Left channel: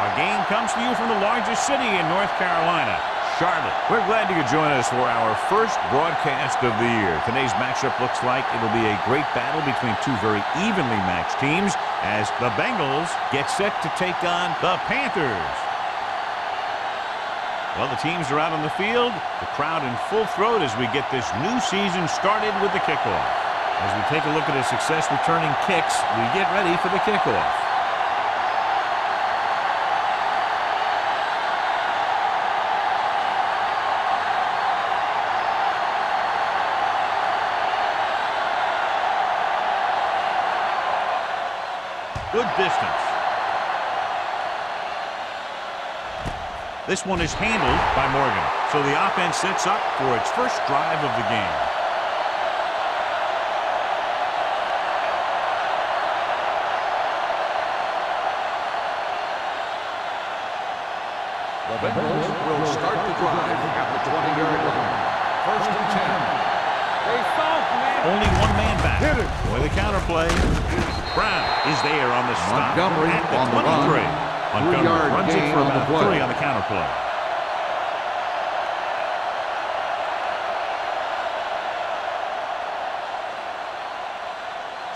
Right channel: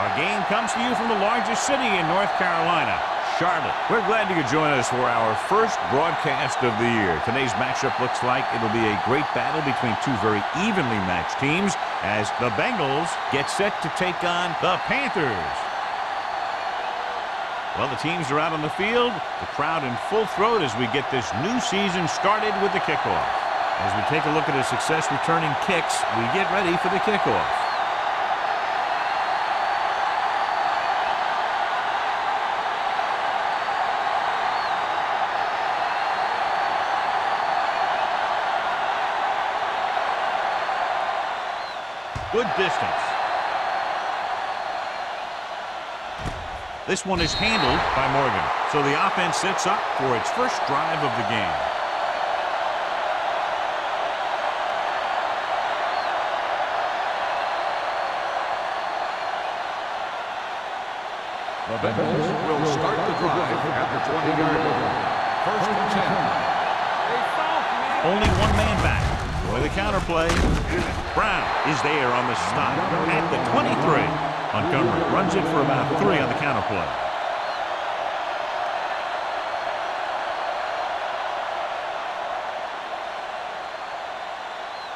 Our game comes to you from the largest city in North Carolina, Charlotte. We're glad you could join us for our first broadcast of the year. Today's matchup looks like it'll be a great battle between two very evenly matched teams as the Bengals get set to take on the Panthers. Well, the teams are out on the field, the crowd in full throat as we get this new season started with the kickoff. As we take a look at his success returning kicks, we get ready for the kickoff. Good distance. This one is handled by Morgan. So the offense sets up for its first drive of the game. The Bengals will start the drive at the 20-yard line. First and 10. Only one man back. For the counter play. Brown is there on the stop at the 23. Montgomery runs it for about 3 on the counter play.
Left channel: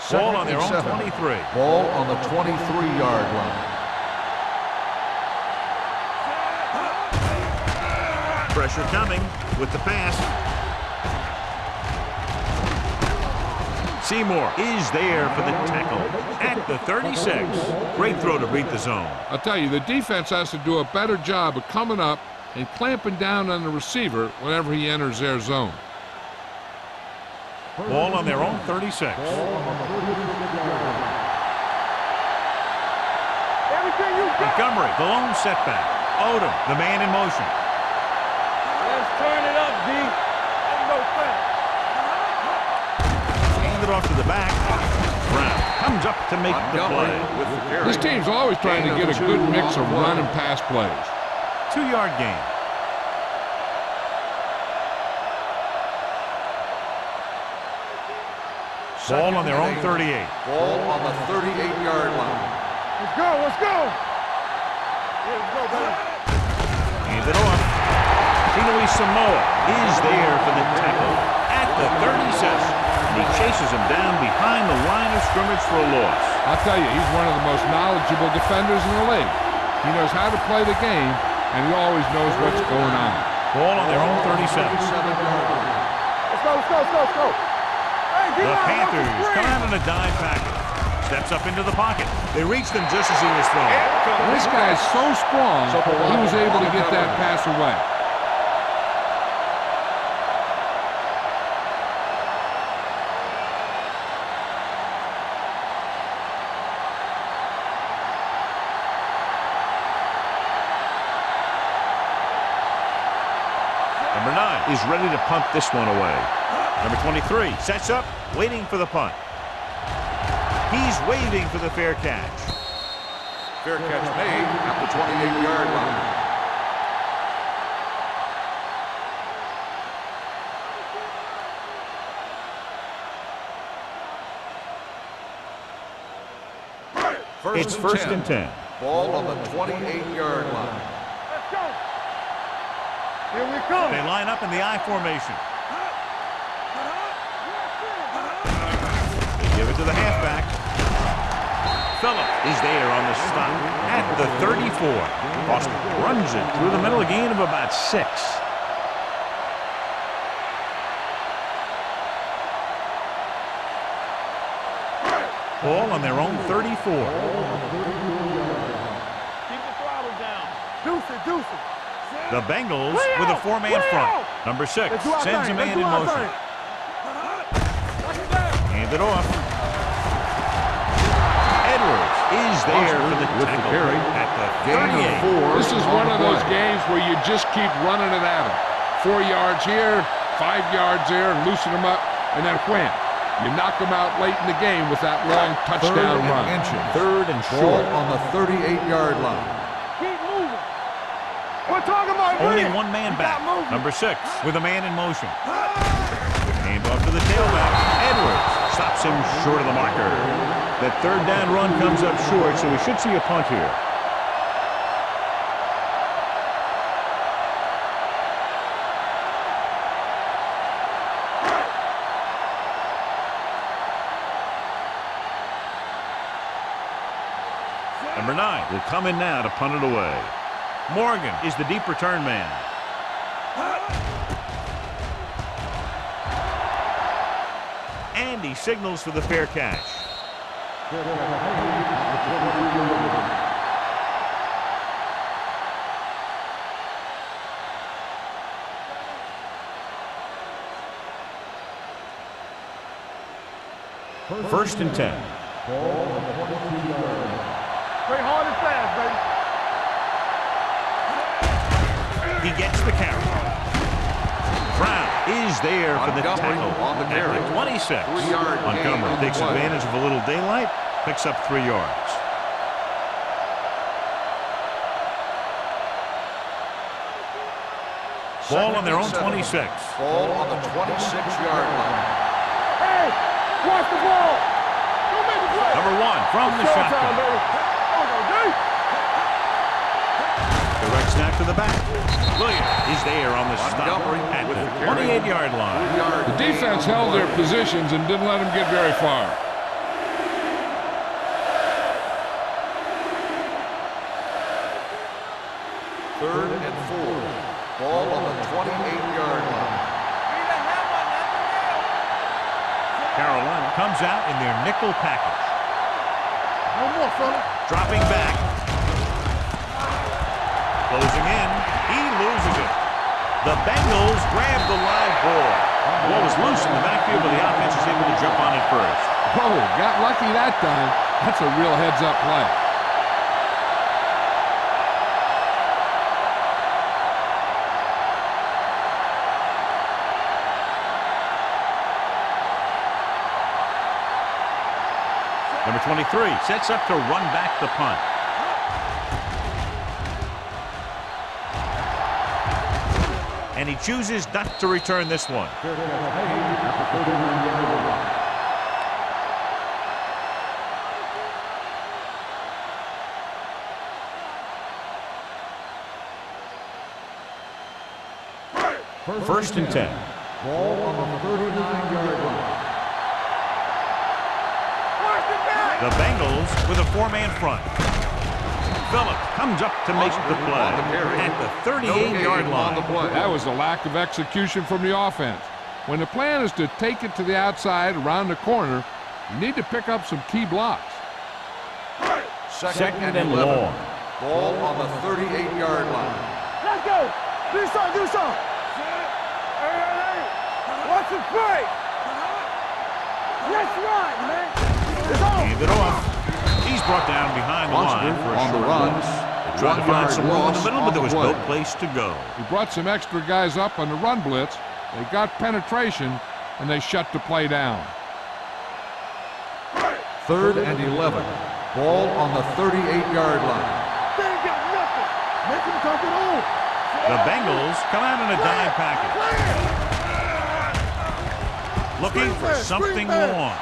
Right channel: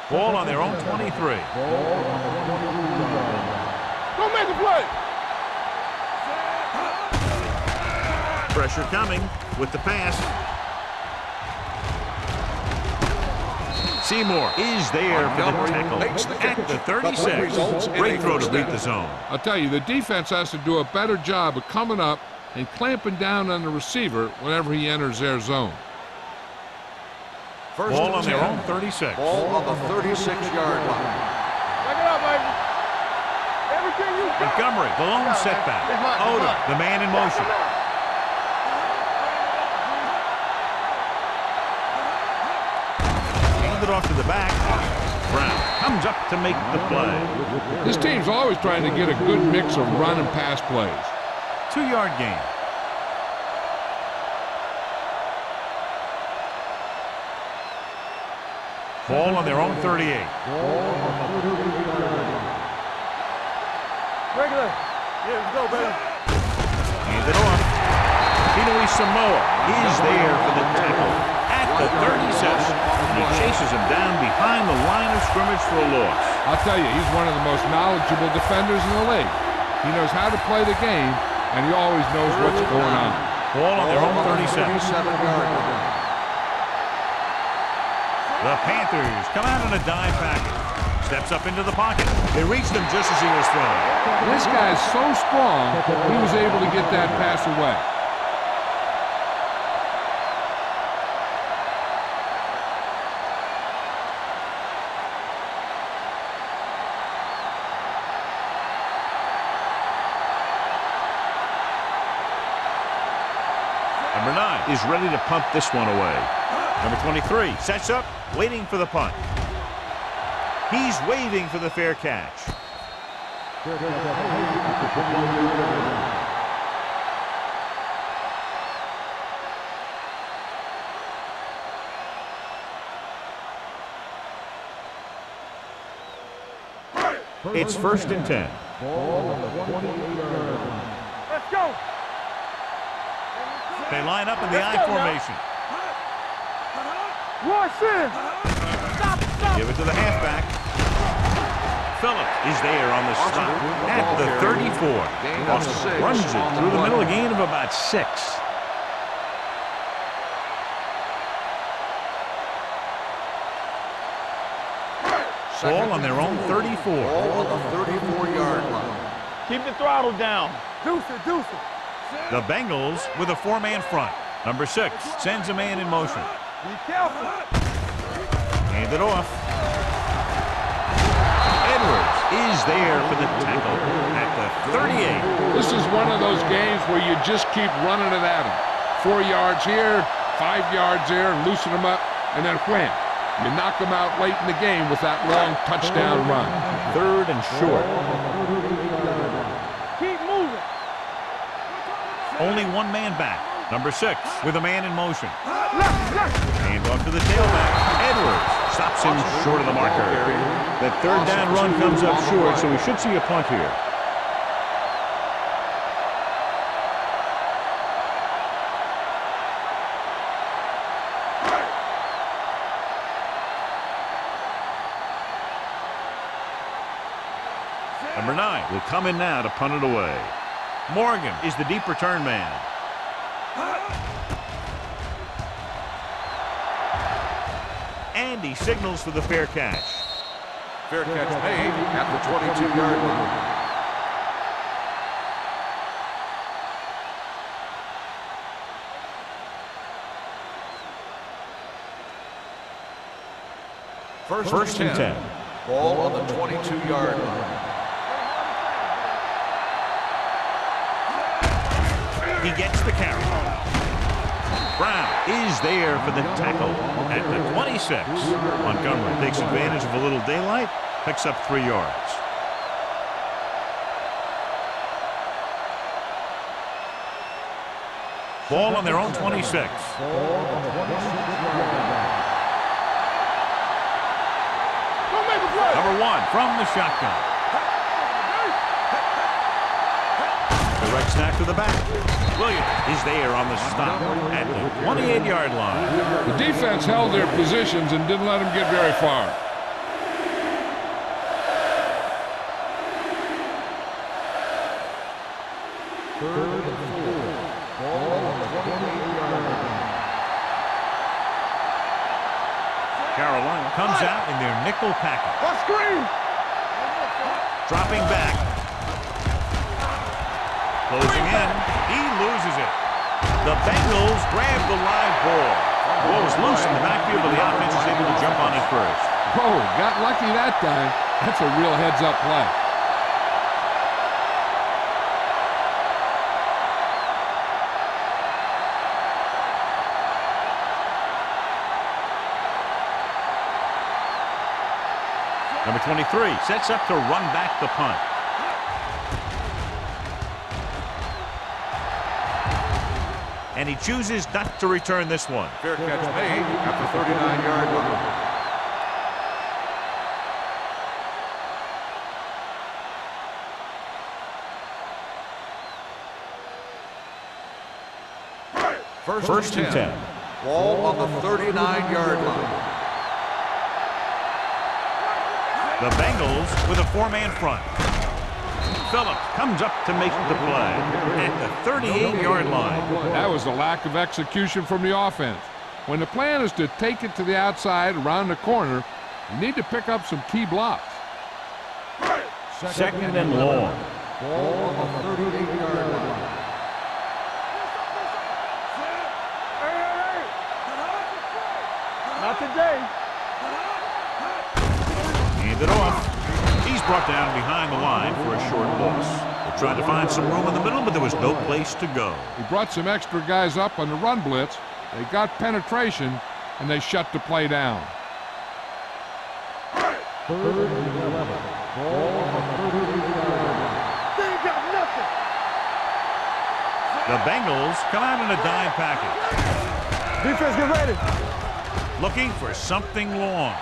Ball on their own 23. Ball on the 23-yard line. Don't make a play. Pressure coming with the pass. Seymour is there for the tackle at the 36. Great throw to beat the zone. I'll tell you, the defense has to do a better job of coming up and clamping down on the receiver whenever he enters their zone. Ball on their own 36. Ball on the 36-yard line. Back it up, baby. Everything you got. Montgomery, the lone setback. Odom, the man in motion. Let's turn it up, D. It off to the back. Brown comes up to make the play. This team's always trying to get a good mix of run and pass plays. 2-yard gain. Ball on their own 38. Ball on the 38-yard line. Let's go, let's go. Regular. Yeah, let's go, baby. Hand it off. Tinoe Samoa is there for the tackle at the 37. And he chases him down behind the line of scrimmage for a loss. I'll tell you, he's one of the most knowledgeable defenders in the league. He knows how to play the game, and he always knows what's going on. Ball on their own 37. 37-yard line. Let's go, let's go, let's go, let's go. The Panthers come out in a dime package. Steps up into the pocket. They reached him just as he was thrown. This guy's so strong, he was able to get that pass away. Number 9 is ready to punt this one away. Number 23 sets up, waiting for the punt. He's waving for the fair catch. Fair catch made at the 28-yard line. It's first and 10. Ball on the 28-yard line. Let's go. Here we go. They line up in the I formation. Watch this. They give it to the halfback. Phillip is there on the stop at the 34. Boston runs it through the middle, a gain of about 6. Ball on their own 34. Ball on the 34-yard line. Keep the throttle down. Deuce it, deuce it. The Bengals with a 4-man front. Number 6 sends a man in motion. Hand it off. Edwards is there for the tackle at the 38. This is one of those games where you just keep running it at him. 4 yards here, 5 yards there, and loosen them up, and then wham. You knock them out late in the game with that long touchdown run. 3rd and short. Ball on the 38-yard line. Keep moving. We're talking about Only one man back. Number 6 with a man in motion. Hand off to the tailback. Edwards stops him short of the marker. That 3rd down run comes up short, so we should see a punt here. Number 9 will come in now to punt it away. Morgan is the deep return man. And he signals for the fair catch. Fair catch made at the 22-yard line. First and 10. Ball on the 22-yard line. Play hard and fast, baby. He gets the carry. Brown is there for the tackle at the 26. Montgomery takes advantage of a little daylight, picks up 3 yards. Ball on their own 26. Ball on the 26-yard line. Hey, watch the ball. Don't make a play. Number 1 from the shotgun. Direct snap to the back. Williams is there on the stop at the 28-yard line. The defense held their positions and didn't let them get very far. Third and 4. Ball on the 28-yard line. Carolina comes out in their nickel package. Let's screen. No more, fella. Dropping back. Closing in. He loses it. The Bengals grab the live ball. The ball was loose in the backfield, but the offense is able to jump on it first. Whoa, got lucky that time. That's a real heads-up play. Number 23 sets up to run back the punt. And he chooses not to return this one. Fair catch made at the 39-yard line. First and 10. Ball on the 39-yard line. The Bengals with a 4-man front. Phillips comes up to make the play at the 38-yard line. That was a lack of execution from the offense. When the plan is to take it to the outside around the corner, you need to pick up some key blocks. Second and long. Ball on the 38-yard line. Let's go. Do something. Hey. Watch it play. Not today. Let's run, man. Hand it off. He's brought down behind the line for a short loss. They tried to find some room in the middle, but there was no place to go. He brought some extra guys up on the run blitz. They got penetration, and they shut the play down. Third and 11. Ball on the 38-yard line. They ain't got nothing. Make him take it on. The Bengals come out in a dime package, Defense, get ready. looking for something long.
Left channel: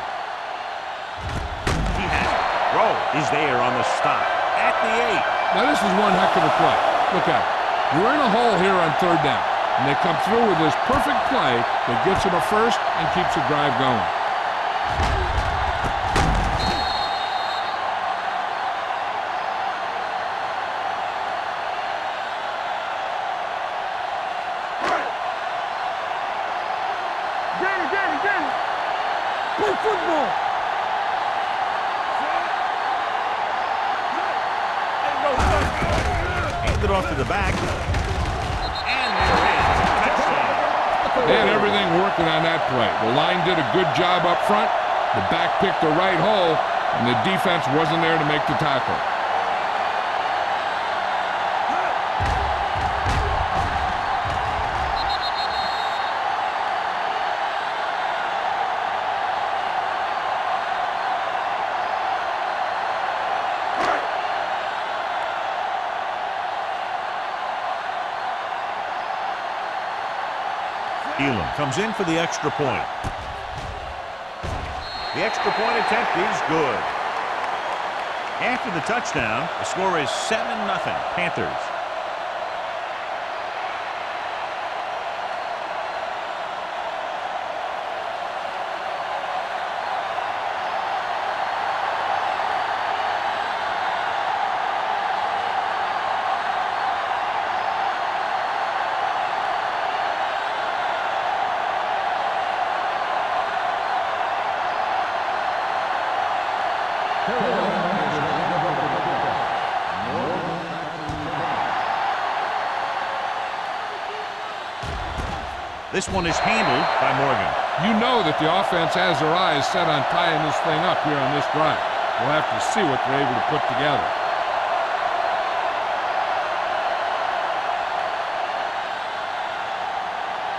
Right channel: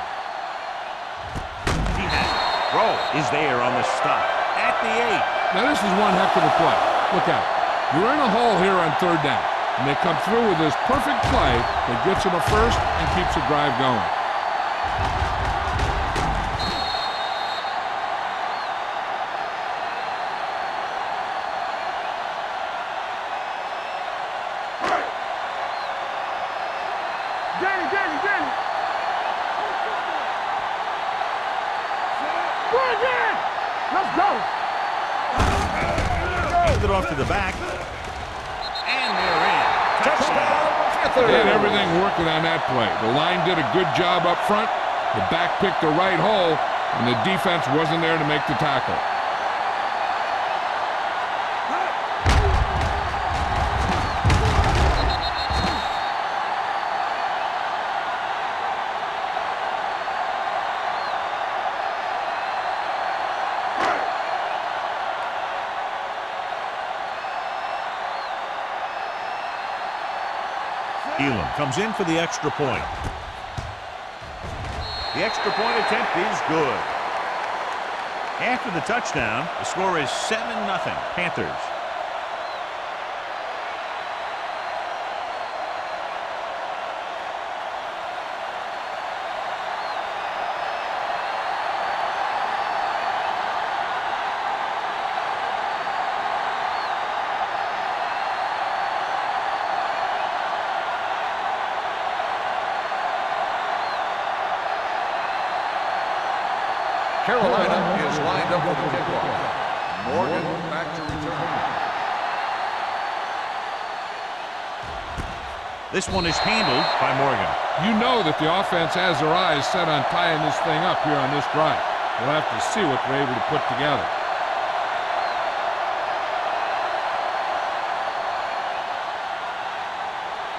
He has it. Rowe is there on the stop at the 8. Now, this is one heck of a play. Look at it. You're in a hole here on third down, and they come through with this perfect play that gets them a first and keeps the drive going. Danny. Play football. Hand it off to the back. And they're in. Touchdown. They had everything working on that play. The line did a good job up front. The back picked the right hole, and the defense wasn't there to make the tackle. Elam comes in for the extra point. The extra point attempt is good. After the touchdown, the score is 7-0 Panthers. Carolina is lined up for the kickoff. Morgan back to return. This one is handled by Morgan. You know that the offense has their eyes set on tying this thing up here on this drive. We'll have to see what they're able to put together.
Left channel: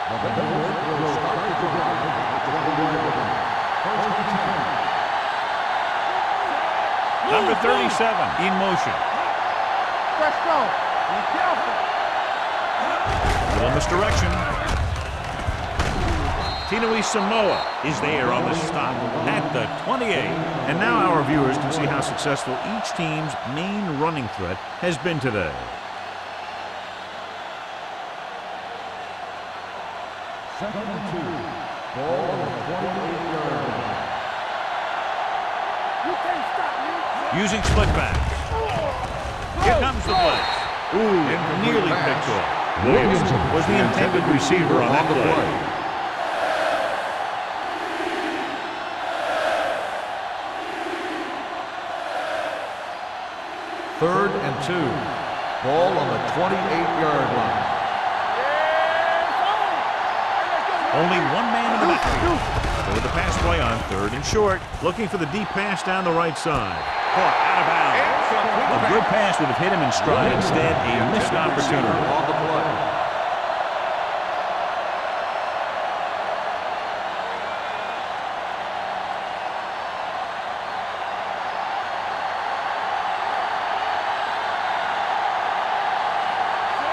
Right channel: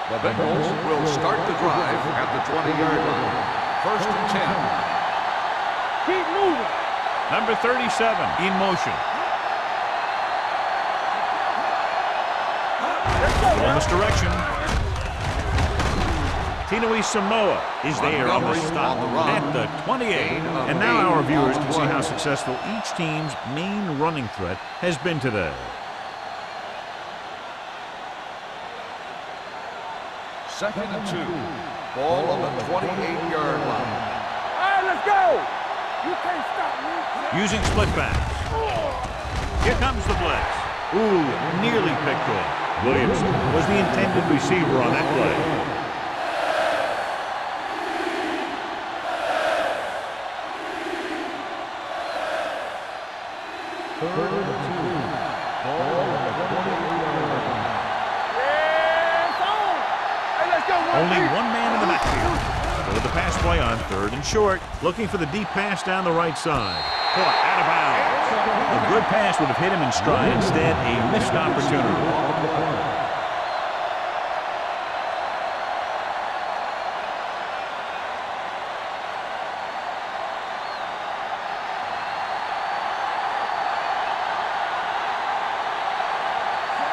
The Bengals will start the drive at the 20-yard line. First and 10. Keep moving. Number 37 in motion. Let's go. Be careful. Little misdirection. Tinui Samoa is there on the stop at the 28. And now our viewers can see how successful each team's main running threat has been today. Second and 2. Ball on the 28-yard line. All right, let's go. You can't stop me. Using split backs. Here comes the blitz. Ooh, nearly picked off. Williamson was the intended receiver on that play. Third and 2. Ball on the 28-yard line. Yes, on. Hey, let's go. Only one man in the backfield. So with the pass play on third and short, looking for the deep pass down the right side. Caught out of bounds. A good pass would have hit him in stride. Instead, a missed opportunity. On the play.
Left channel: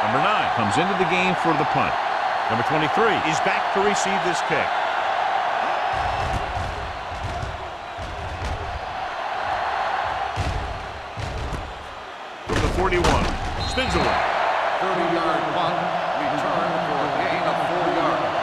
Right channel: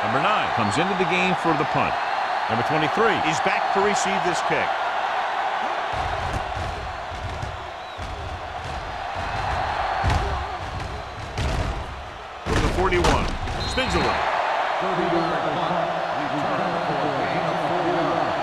Number 9 comes into the game for the punt. Number 23 is back to receive this kick. From the 41, spins away. 30-yard punt, return for a gain of 4 yards.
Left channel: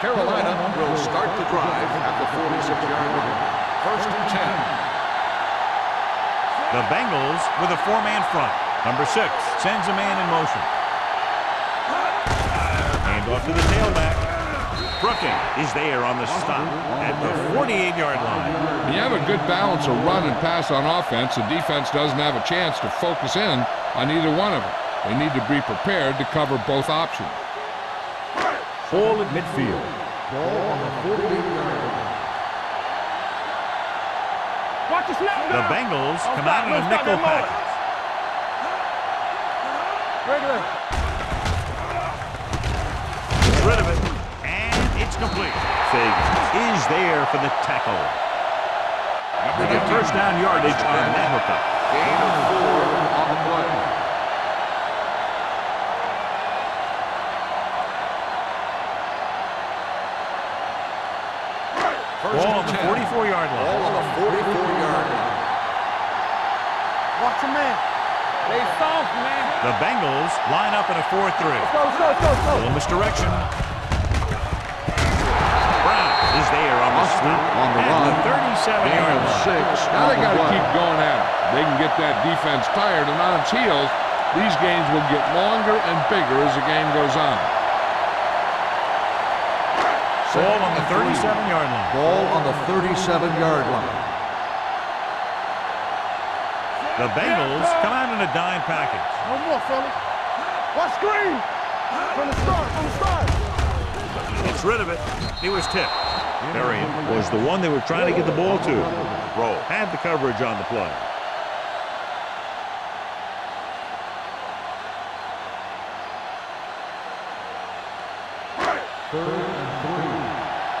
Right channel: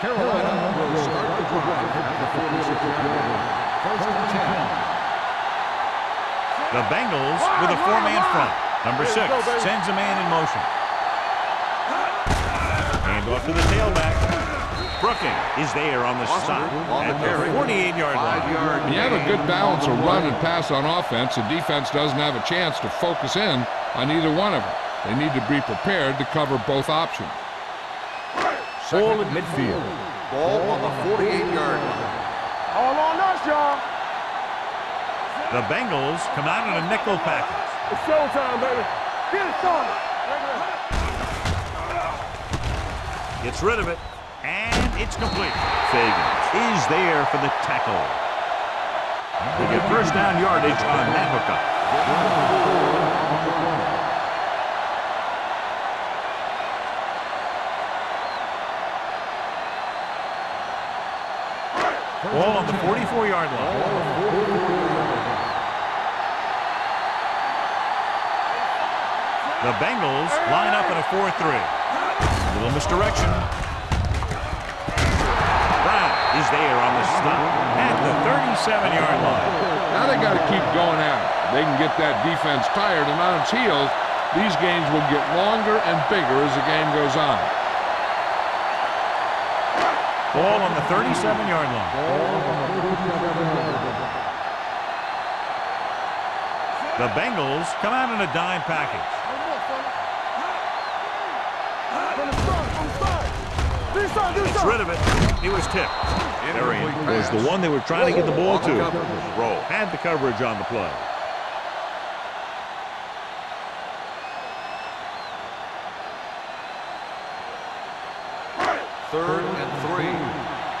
Carolina will start the drive at the 46-yard line. First and 10. The Bengals with a 4-man front. Number 6 sends a man in motion. Hand off to the tailback. Brooking is there on the stop at the 48-yard line. When you have a good balance of run and pass on offense, the defense doesn't have a chance to focus in on either one of them. They need to be prepared to cover both options. Ball at midfield. Ball on the 48-yard line. All on us, y'all. Watch the snap. The Bengals come out in a nickel package. It's showtime, baby. Get it started. Regular. Gets rid of it, and it's complete. Fagan is there for the tackle. They get first down yardage on that hookup. Gain of 4 on the play. Ball on the 44-yard line. Ball on the 44-yard line. Watch your man. Stay soft, man. The Bengals line up in a 4-3. A little misdirection. Brown is there on the stop at the 37-yard line. Now they got to keep going at it. They can get that defense tired and on its heels. These games will get longer and bigger as the game goes on. Ball on the 37-yard line. Ball on the 37-yard line. The Bengals come out in a dime package. No more, fellas. Watch screen. From the start. Gets rid of it. He was tipped. Varian was the one they were trying to get the ball to. Roll had the coverage on the play. Third and 3.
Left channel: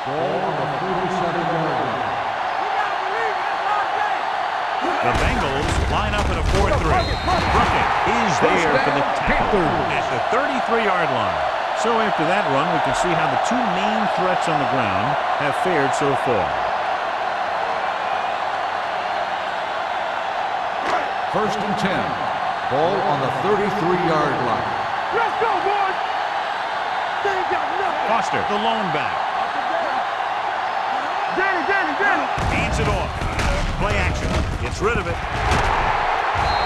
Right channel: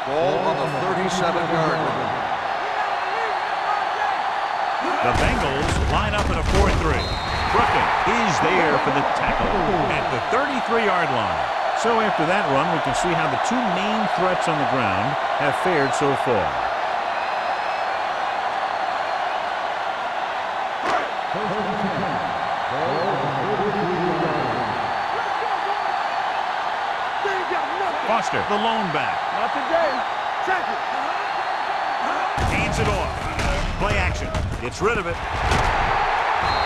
Ball on the 37-yard line. We gotta believe it. It's our game. The Bengals line up in a 4-3. Brooking is there for the tackle at the 33-yard line. So after that run, we can see how the two main threats on the ground have fared so far. First and 10. Ball on the 33-yard line. Let's go, boys. They ain't got nothing. Foster, the lone back, Not today. Danny. hands it off. Play action. Gets rid of it.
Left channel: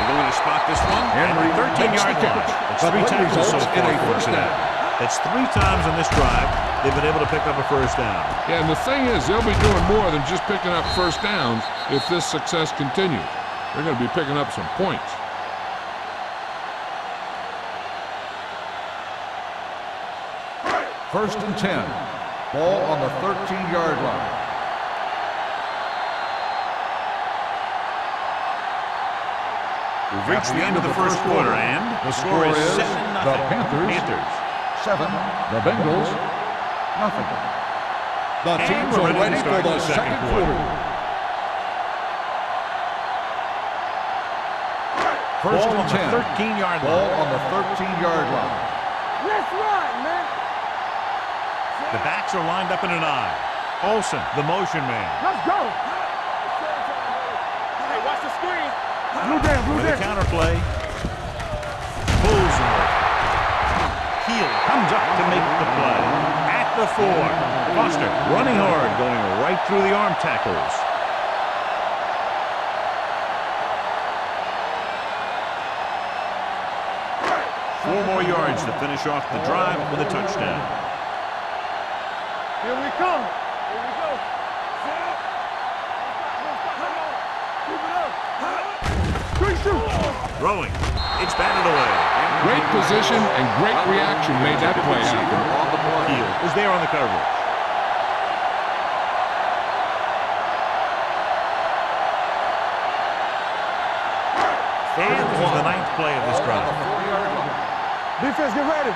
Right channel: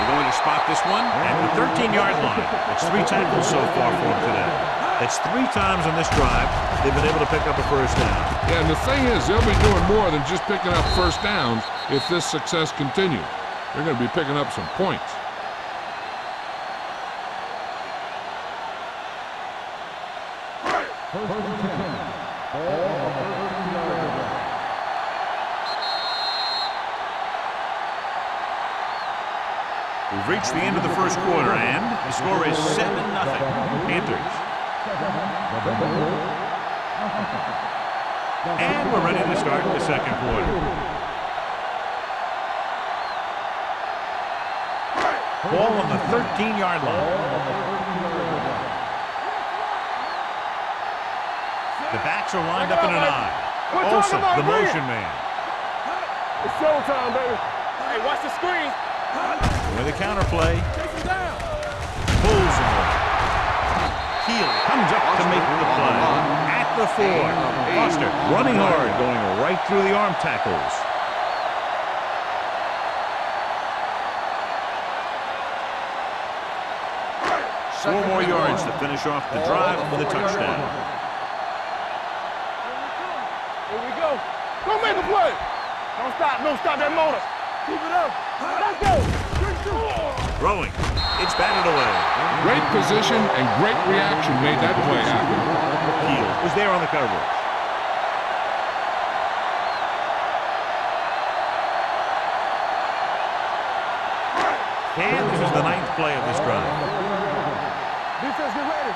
They're going to spot this one at the 13-yard line. That's 3 tackles so far for them today. That's 3 times on this drive they've been able to pick up a first down. Yeah, and the thing is, they'll be doing more than just picking up first downs if this success continues. They're going to be picking up some points. First and 10. Ball on the 13-yard line. We've reached the end of the first quarter, and the score is 7-0. Panthers. 7. The Bengals. Nothing. And we're ready to start the second quarter. Ball on the 13-yard line. Ball on the 13-yard line. The backs are lined up in an I. Olsen, the motion man. Let's go. It's showtime, baby. Hey, watch the screen. With a counterplay. Pulls him over. Heel comes up to make the play. At the 4. Foster running hard, going right through the arm tackles. Four more yards to finish off the drive with a touchdown. Here we come. Here we go. Go make a play. Don't stop. Don't stop that motor. Keep it up. Let's go. Great shoot. Throwing. It's batted away. Great position and great reaction made that play happen. Heel was there on the coverage. And this is the 9th play of this drive. Defense, get ready.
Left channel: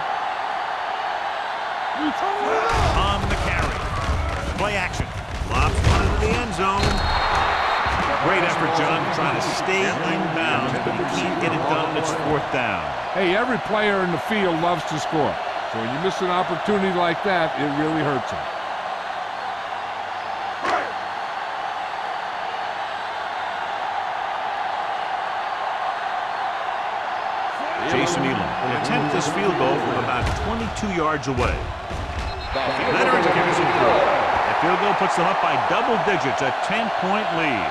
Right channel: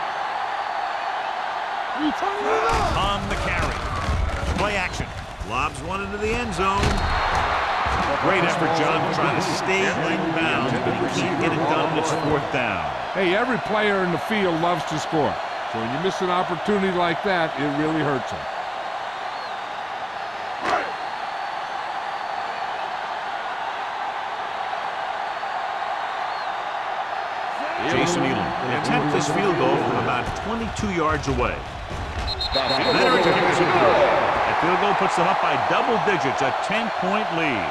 We turning it up. On the carry. Play action. Lobs one into the end zone. Great effort, John, to try to stay in bounds, but he can't get it done, and it's 4th down. Hey, every player in the field loves to score. So when you miss an opportunity like that, it really hurts them. Jason Elam will attempt this field goal from about 22 yards away. Veterans give us a throw. That field goal puts them up by double digits, a 10-point lead.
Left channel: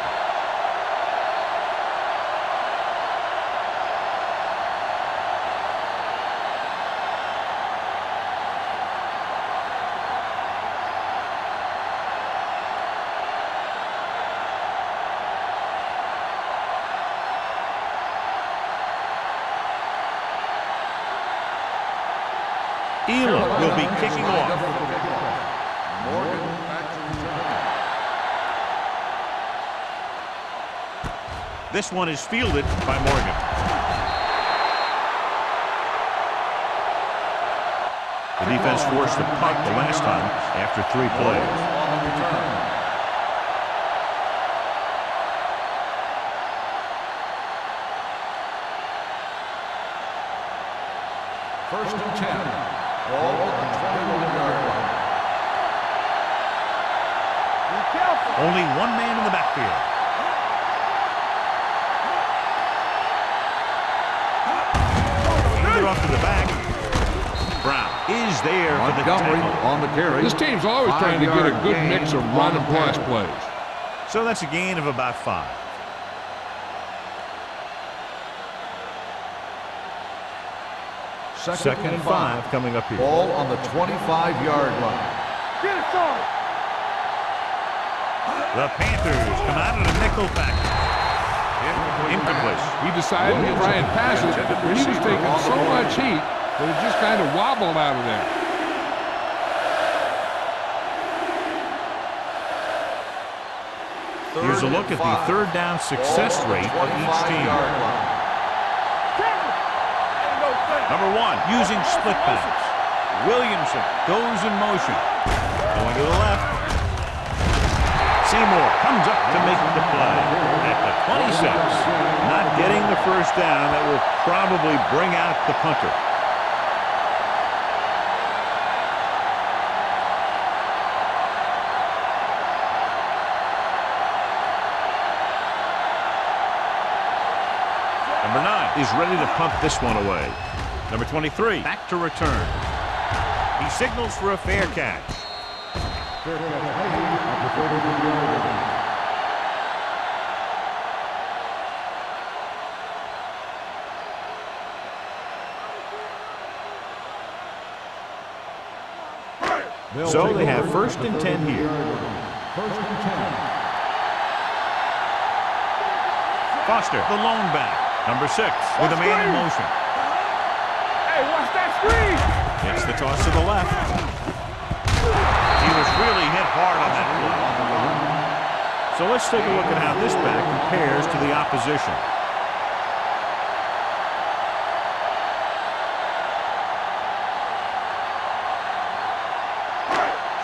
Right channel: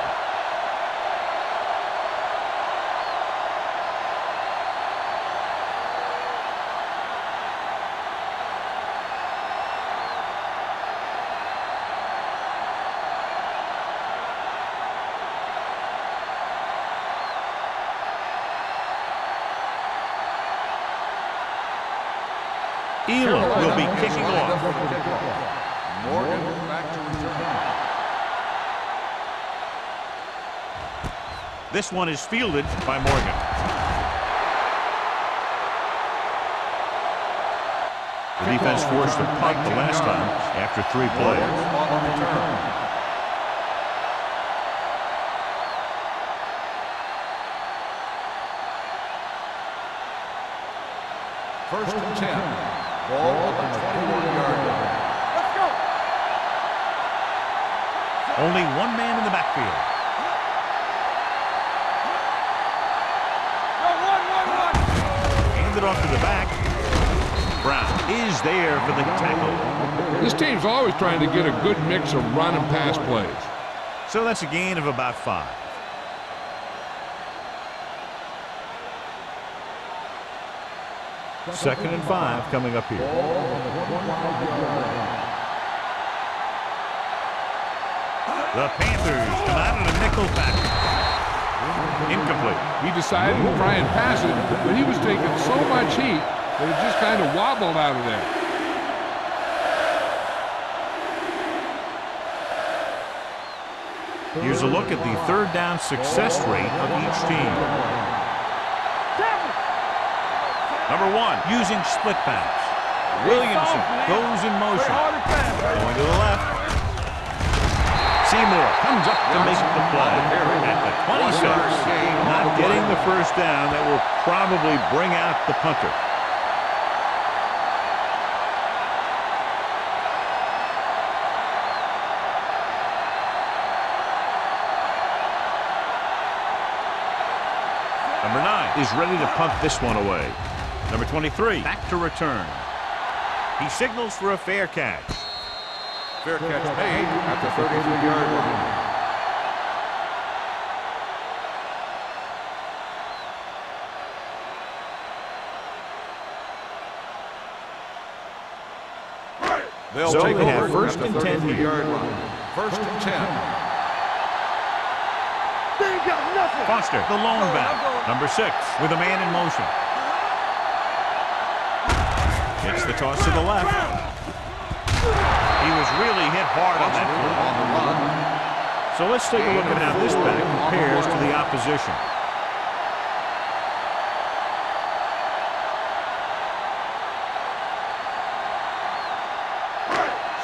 Elam will be kicking off. Morgan back to return. This one is fielded by Morgan. The defense forced a punt the last time after 3 plays. On the return. First and 10. Ball on the 21-yard line. Let's go. Only one man in the backfield. Hand it off to the back. Brown is there for the tackle. On the carry. This team's always trying to get a good mix of run and pass plays. So that's a gain of about 5. Second and 5 coming up here. Ball on the 25-yard line. Get it started. The Panthers come out in a nickel package. Incomplete. He decided to try and pass it, but he was taking so much heat that it just kind of wobbled out of there. Here's a look at the 3rd down success rate of each team. Number 1, using split backs. Williamson goes in motion. Going to the left. Seymour comes up to make the play. At the 26, not getting the first down, that will probably bring out the punter. Number 9 is ready to punt this one away. Number 23, back to return. He signals for a fair catch. Fair catch made at the 32-yard line. 1 So they have 1st and 10 here. 1st and 10. They ain't got nothing. Foster, the lone back. Number 6 with a man in motion. Hey, watch that screen. Gets the toss to the left. He was really hit hard on that On play. the run. So let's take a look at how this back compares to the opposition.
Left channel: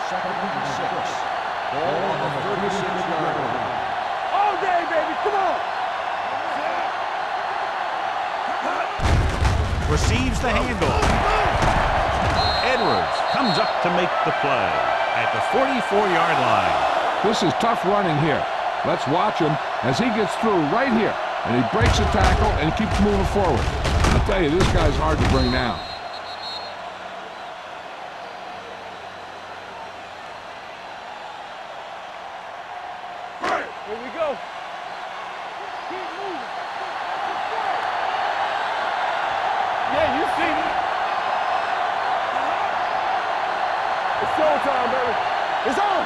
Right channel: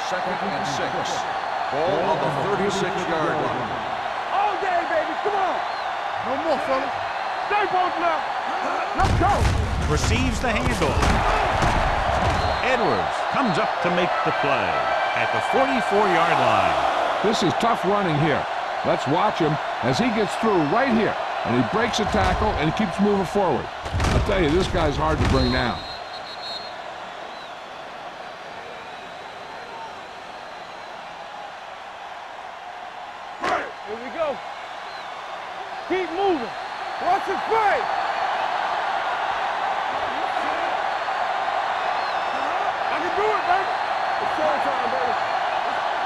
Second and 6. Ball on the 36-yard line. All day, baby. Come on. One more, fellas. Stay both now. Let's go. Receives the handoff. Edwards comes up to make the play at the 44-yard line. This is tough running here. Let's watch him as he gets through right here. And he breaks a tackle and keeps moving forward. I'll tell you, this guy's hard to bring down. Here we go. Keep moving. Watch the play. Yeah, you see it. I can do it, baby. It's showtime, baby. It's on.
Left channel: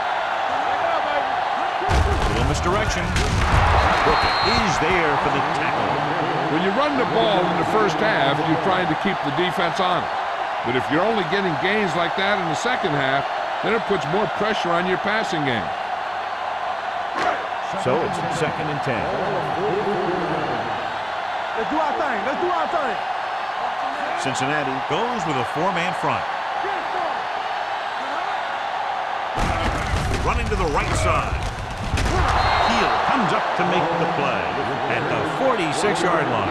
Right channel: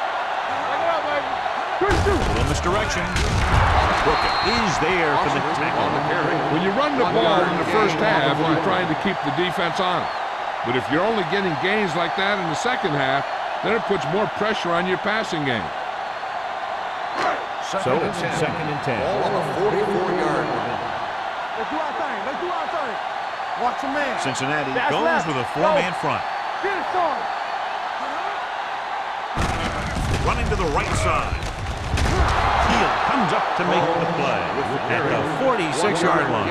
Check it out, baby. Little misdirection. Brookett is there for the tackle. When you run the ball in the first half, you're trying to keep the defense on it. But if you're only getting gains like that in the second half, then it puts more pressure on your passing game. So it's 2nd and 10. Ball on the 44-yard line. Let's do our thing. Let's do our thing. Watch the man. Cincinnati goes with a 4-man front. Get it started. Running to the right side. Heel comes up to make the play at the 46-yard line.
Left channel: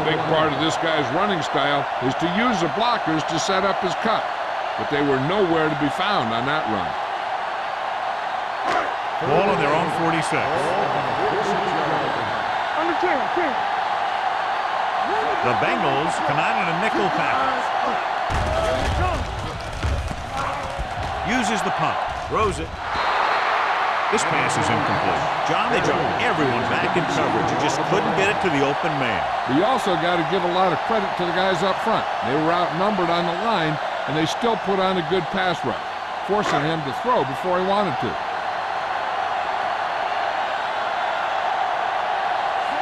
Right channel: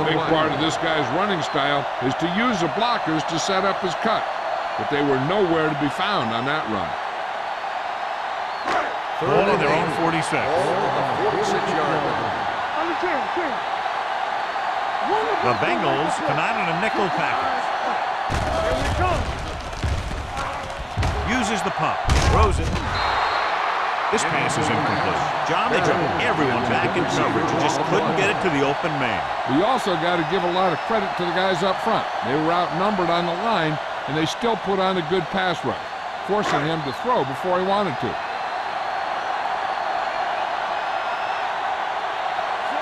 A big part of this guy's running style is to use the blockers to set up his cut. But they were nowhere to be found on that run. Ball on their own 46. Ball on the 46-yard line. On the 10. The Bengals come out in a nickel package. Here we come. Uses the pump. Throws it. This pass is incomplete. John, they dropped everyone back in coverage. You just couldn't get it to the open man. But you also got to give a lot of credit to the guys up front. They were outnumbered on the line, and they still put on a good pass rush, forcing him to throw before he wanted to.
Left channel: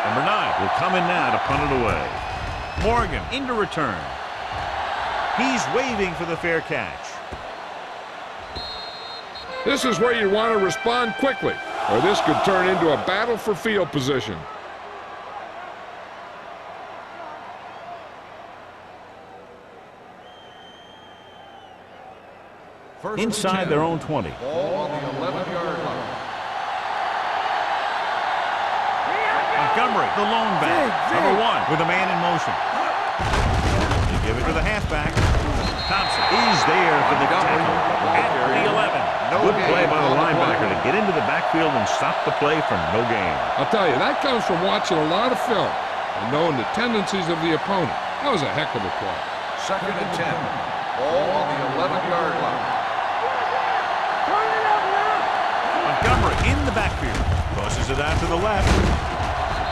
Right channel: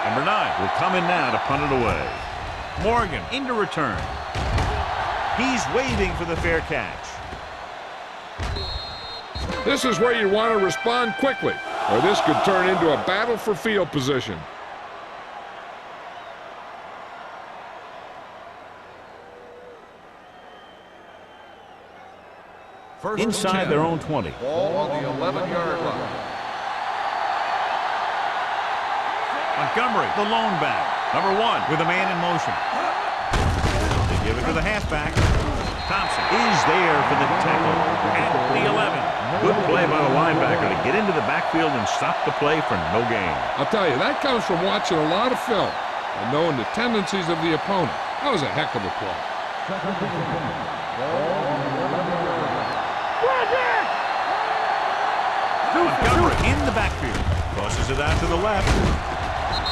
Number 9 will come in now to punt it away. Morgan into return. He's waving for the fair catch. This is where you want to respond quickly, or this could turn into a battle for field position. Inside their own 20. Ball on the 11-yard line. Montgomery, the lone back. Number 1 with a man in motion. They give it to the halfback. Thompson is there for the tackle at the 11. Good play by the linebacker to get into the backfield and stop the play for no gain. I'll tell you, that comes from watching a lot of film and knowing the tendencies of the opponent. That was a heck of a play. 2nd and 10. Ball on the 11-yard line. Montgomery in the backfield. Crosses it out to the left.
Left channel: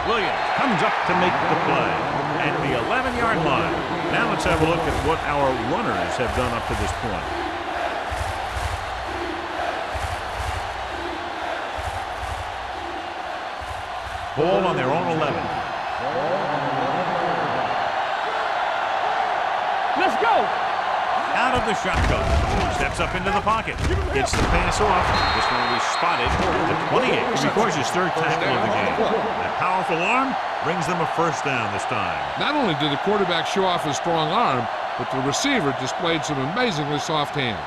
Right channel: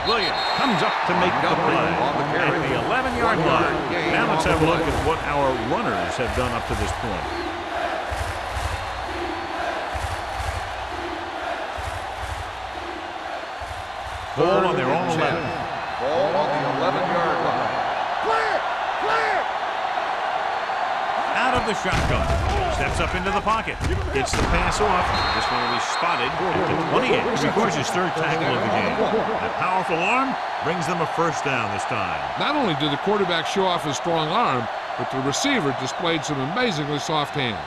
Williams comes up to make the play at the 11-yard line. Now let's have a look at what our runners have done up to this point. Ball on their own 11. Ball on the 11-yard line. Clear! Let's go! Out of the shotgun. Steps up into the pocket. Gets the pass off. This one will be spotted at the 28. He records his 3rd tackle of the game. That powerful arm brings them a first down this time. Not only did the quarterback show off his strong arm, but the receiver displayed some amazingly soft hands.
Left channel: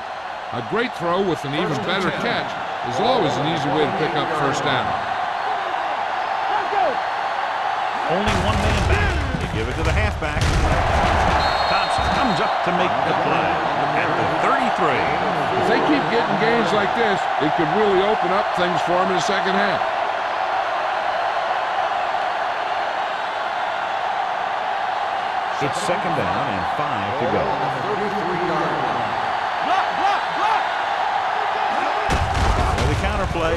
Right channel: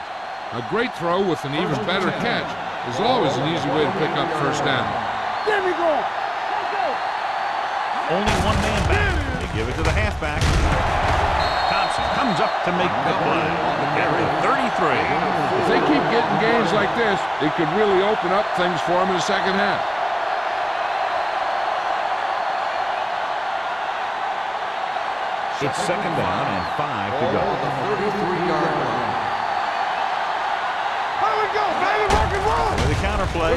A great throw with an even better catch is always an easy way to pick up first down. There we go! Let's go! Only one man back. They give it to the halfback. Thompson comes up to make the play at the 33. If they keep getting gains like this, it could really open up things for them in the second half. It's 2nd down and 5 to go. Ball on the 33-yard line. There we go, baby! Rock and roll! With the counter play,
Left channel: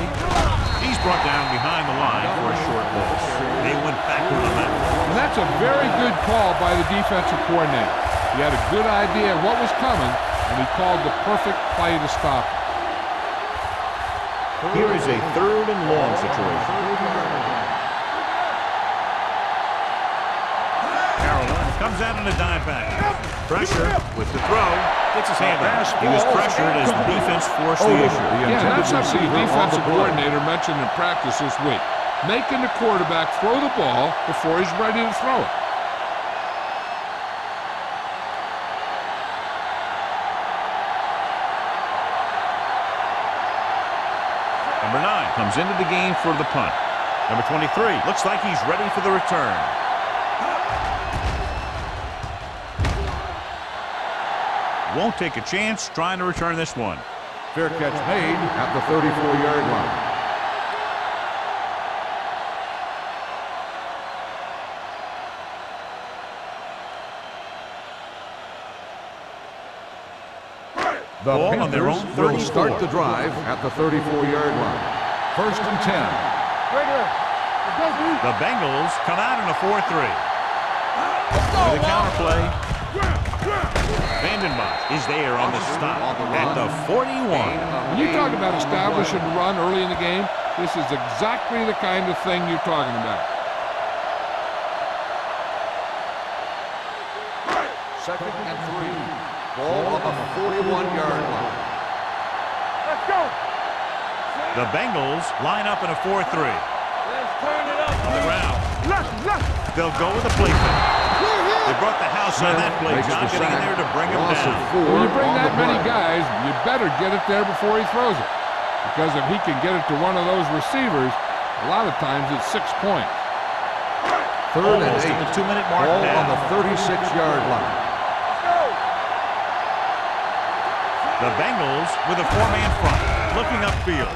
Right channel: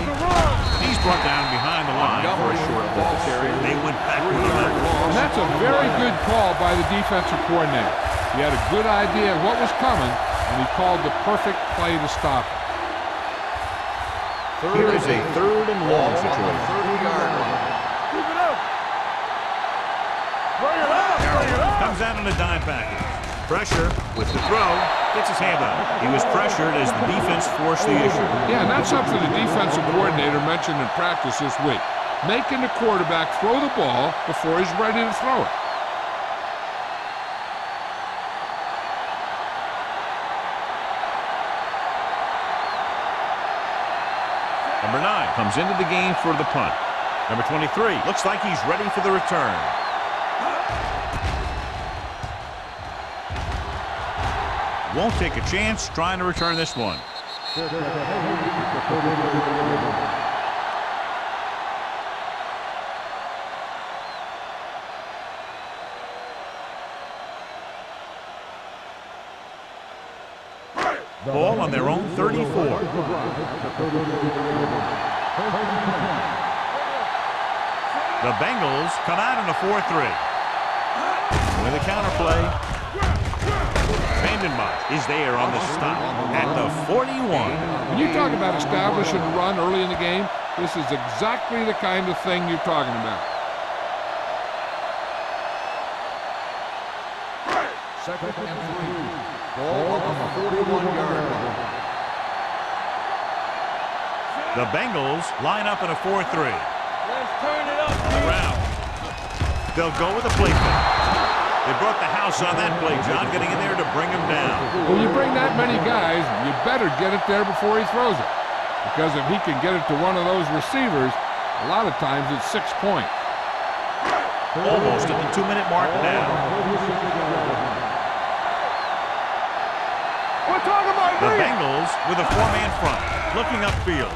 he's brought down behind the line for a short ball. They went backward on that one. And that's a very good call by the defensive coordinator. He had a good idea of what was coming and he called the perfect play to stop it. Here is a 3rd and long situation. 30-yard line. Carolina comes out in a dime package. Pressure with the throw. Gets his hand on it. He was pressured as the defense forced the issue. Yeah, and that's something the defensive coordinator mentioned in practice this week. Making the quarterback throw the ball before he's ready to throw it. Number 9 comes into the game for the punt. Number 23 looks like he's ready for the return. Won't take a chance trying to return this one. Fair catch made at the 34-yard line. Ball on their own 34. Start the drive at the 34-yard line. 1st and 10. The Bengals come out in a 4-3. With a counter play. Vandenbosch is there on the stop at the 41. When you talk about establishing a run early in the game, this is exactly the kind of thing you're talking about. 2nd and 3. Ball on the 41-yard line. Let's go. The Bengals line up in a 4-3. Let's turn it up. On the ground. They'll go with a play fake. They brought the house on that play, John, getting in there to bring him down. When you bring that many guys, you better get it there before he throws it. Because if he can get it to one of those receivers, a lot of times it's 6 points. Almost at the 2-minute mark Ball now. on the 36-yard line. The Bengals with a 4-man front, looking upfield.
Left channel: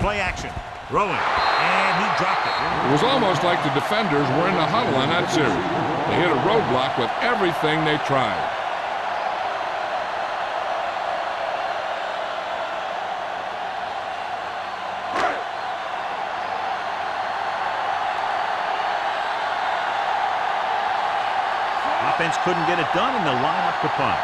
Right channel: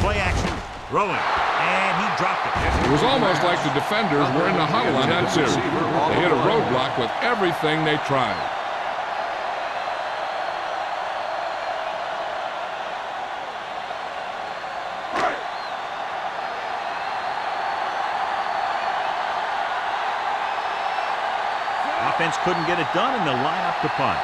Play action, throwing, and he dropped it. It was almost like the defenders were in the huddle on that series. They hit a roadblock with everything they tried. Offense couldn't get it done, and they'll line up to punt.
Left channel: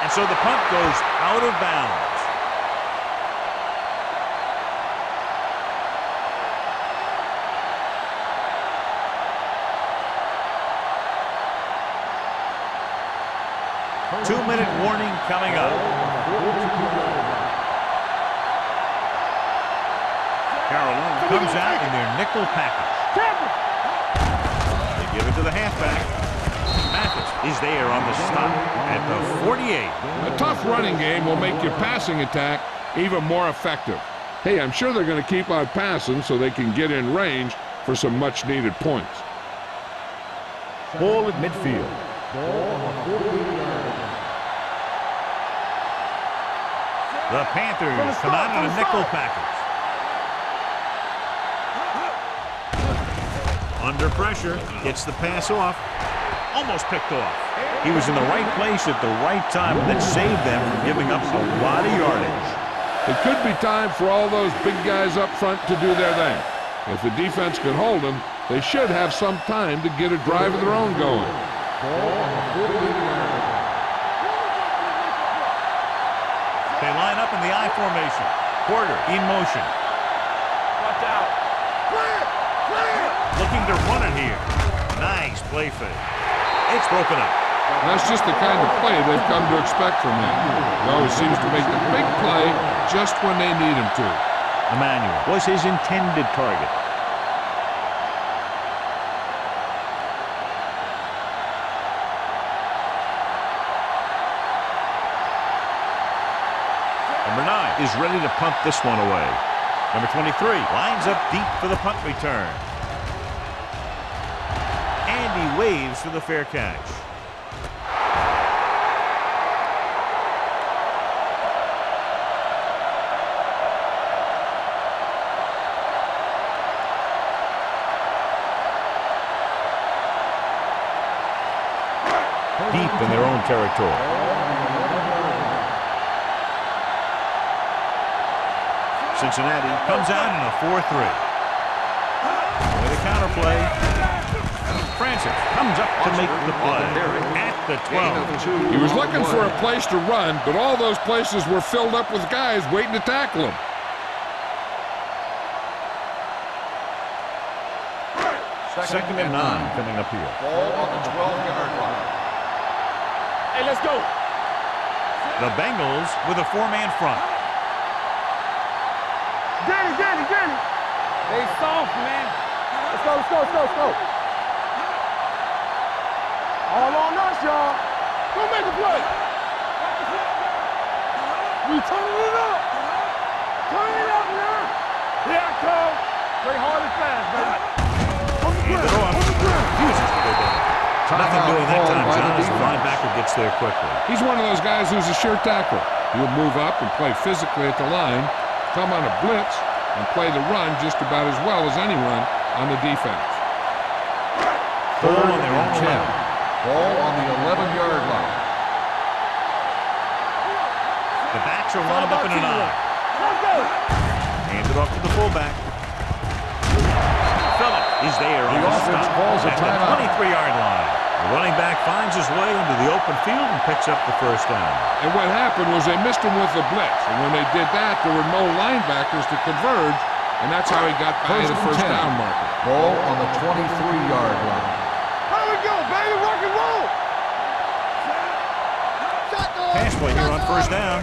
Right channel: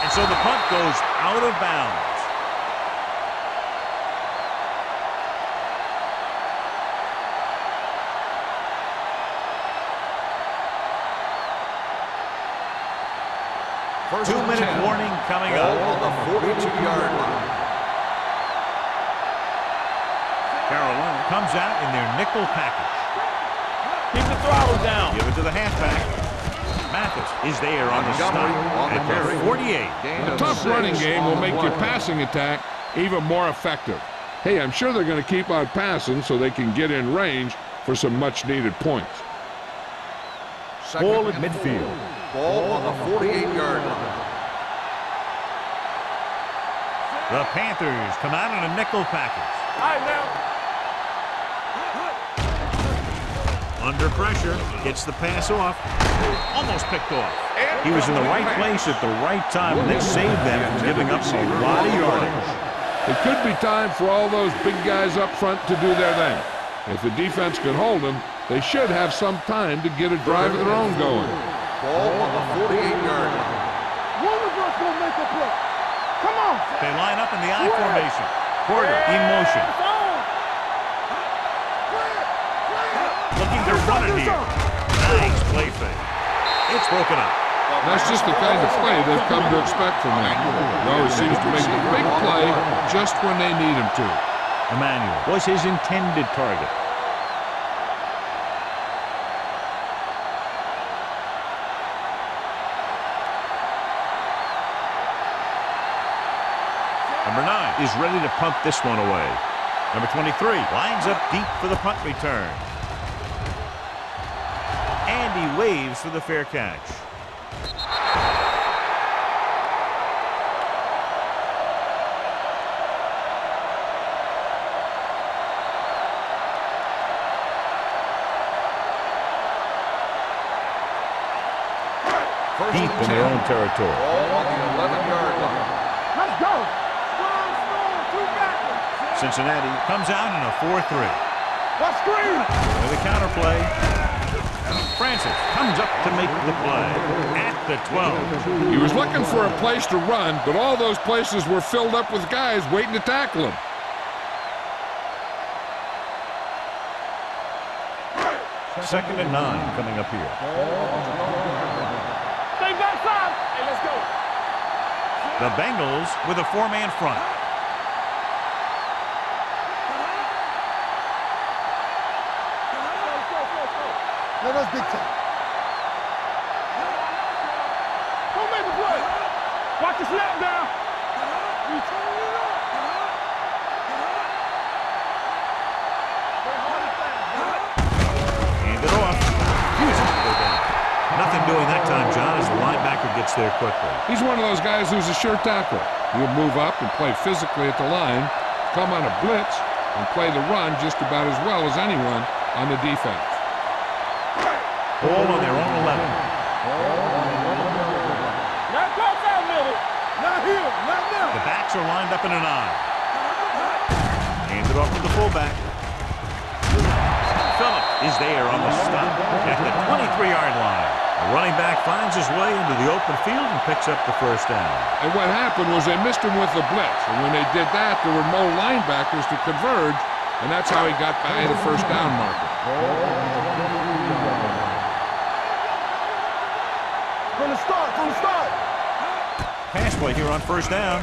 And so the punt goes out of bounds. First 2-minute warning coming Ball up. on the 42-yard line. Carolina comes out in their nickel package. They give it to the halfback. Mathis is there on the stop at the 48. A tough running game will make your passing attack even more effective. Hey, I'm sure they're going to keep on passing so they can get in range for some much-needed points. Ball at midfield. Ball on the 48-yard line. The Panthers come out in a nickel package. Under pressure, gets the pass off. Almost picked off. He was in the right place at the right time, and that saved them from giving up a lot of yardage. It could be time for all those big guys up front to do their thing. If the defense can hold them, they should have some time to get a drive of their own going. Ball on the 48-yard line. They line up in the I formation. Porter in motion. Looking to run it here. Nice play fake. It's broken up. That's just the kind of play they've come to expect from him. He always seems to make the big play just when they need him to. Emmanuel was his intended target. Number 9 is ready to punt this one away. Number 23 lines up deep for the punt return. And he waves for the fair catch. Deep in their own territory. Cincinnati comes out in a 4-3. With a counter play. Francis comes up to make the play at the 12. He was looking for a place to run, but all those places were filled up with guys waiting to tackle him. Second and 9 coming up here. Ball on the 12-yard line. Hey, let's go. The Bengals with a 4-man front. Danny. They soft, man. Let's go. Let us get top. All on us, y'all. Go make a play. Watch the snap down. We turning it up. Turn it up, man. Yeah, come. Play hard and fast, baby. Hand it off. Refuses to go down. Nothing doing that time, John, as the linebacker gets there quickly. He's one of those guys who's a sure tackler. He'll move up and play physically at the line, come on a blitz, and play the run just about as well as anyone on the defense. Ball on their own 11. Ball on the 11-yard line. The backs are lined up in an I. Hand it off to the fullback. Phillips is there on the stop at the 23-yard line. The running back finds his way into the open field and picks up the first down. And what happened was they missed him with the blitz. And when they did that, there were no linebackers to converge, and that's how he got by the first down marker. Ball on the 23-yard line. Here we go, baby. Rock and roll. From the start. Pass play here on first down.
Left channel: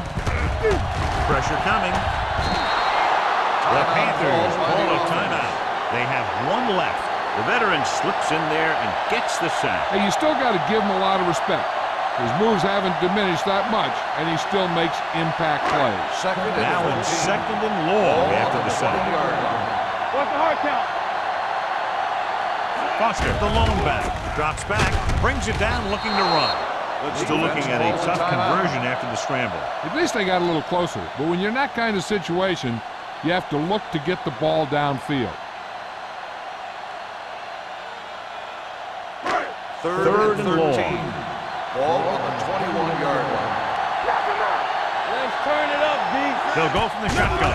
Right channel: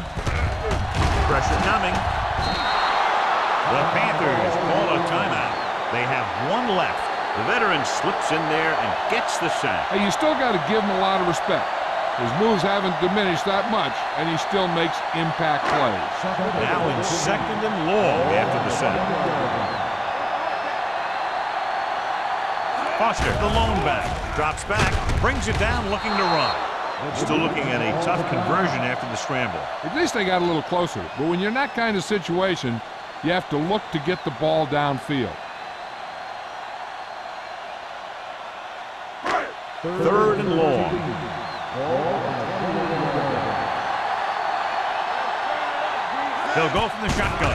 Pressure coming. The Panthers call a timeout. They have one left. The veteran slips in there and gets the sack. Hey, you still got to give him a lot of respect. His moves haven't diminished that much, and he still makes impact plays. Now in second and long after the sack. What's the hard count? Foster, the lone back, drops back, brings it down looking to run. Still looking at a tough conversion after the scramble. At least they got a little closer. But when you're in that kind of situation, you have to look to get the ball downfield. Third and long. Ball on the 21-yard line. Let's turn it up, D. They'll go from the shotgun.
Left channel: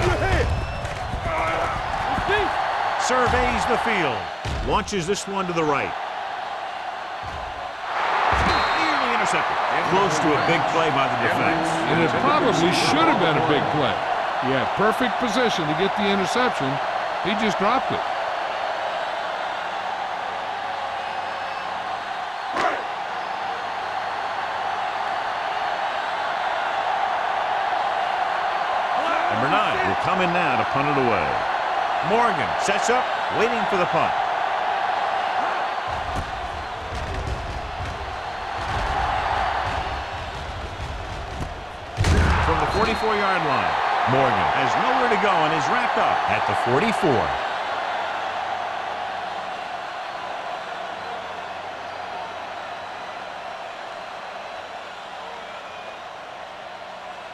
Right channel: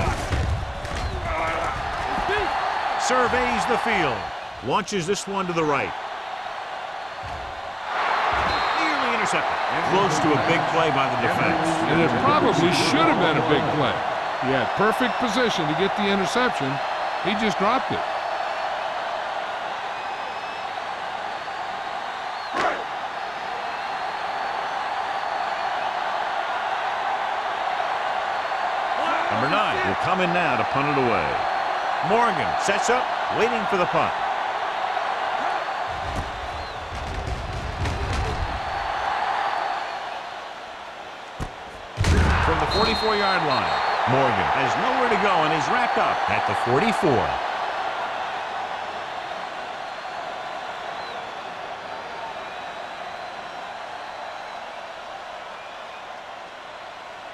Surveys the field. Launches this one to the right. Nearly intercepted. Close to a big play by the defense. And it probably should have been a big play. He had perfect position to get the interception. He just dropped it. Number 9 will come in now to punt it away. Morgan sets up, waiting for the punt. From the 44-yard line, Morgan has nowhere to go and is wrapped up at the 44.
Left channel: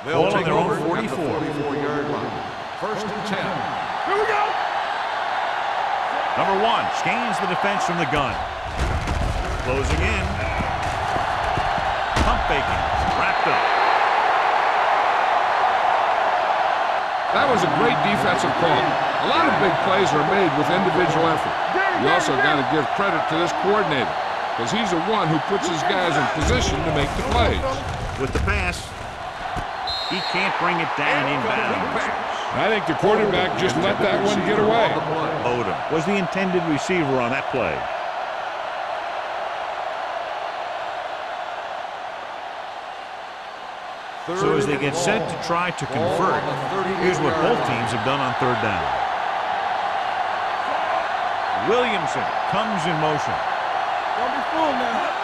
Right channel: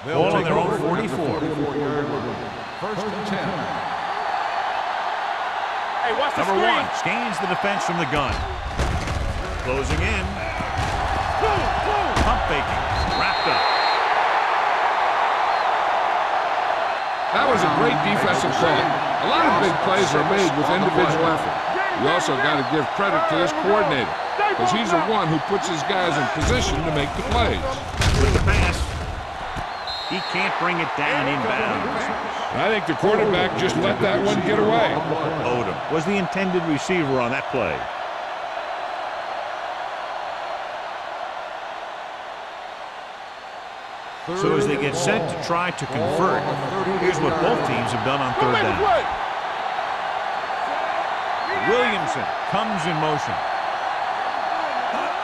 They'll Ball on take their own over 44. at the 44-yard line. First and 10. Here we go. Hey, watch Number 1 scans the defense from the gun. Closing in. Pump faking. Wrapped up. That was a great defensive call. A lot of big plays are made with individual effort. You also got to give credit to this coordinator, because he's the one who puts his guys in position to make the plays. With the pass, he can't bring it down inbounds. I think the quarterback just let that one get away. Odom was the intended receiver on that play. So as they get set to try to convert, here's what both teams have done on third down. Williamson comes in motion. Don't be fooled now.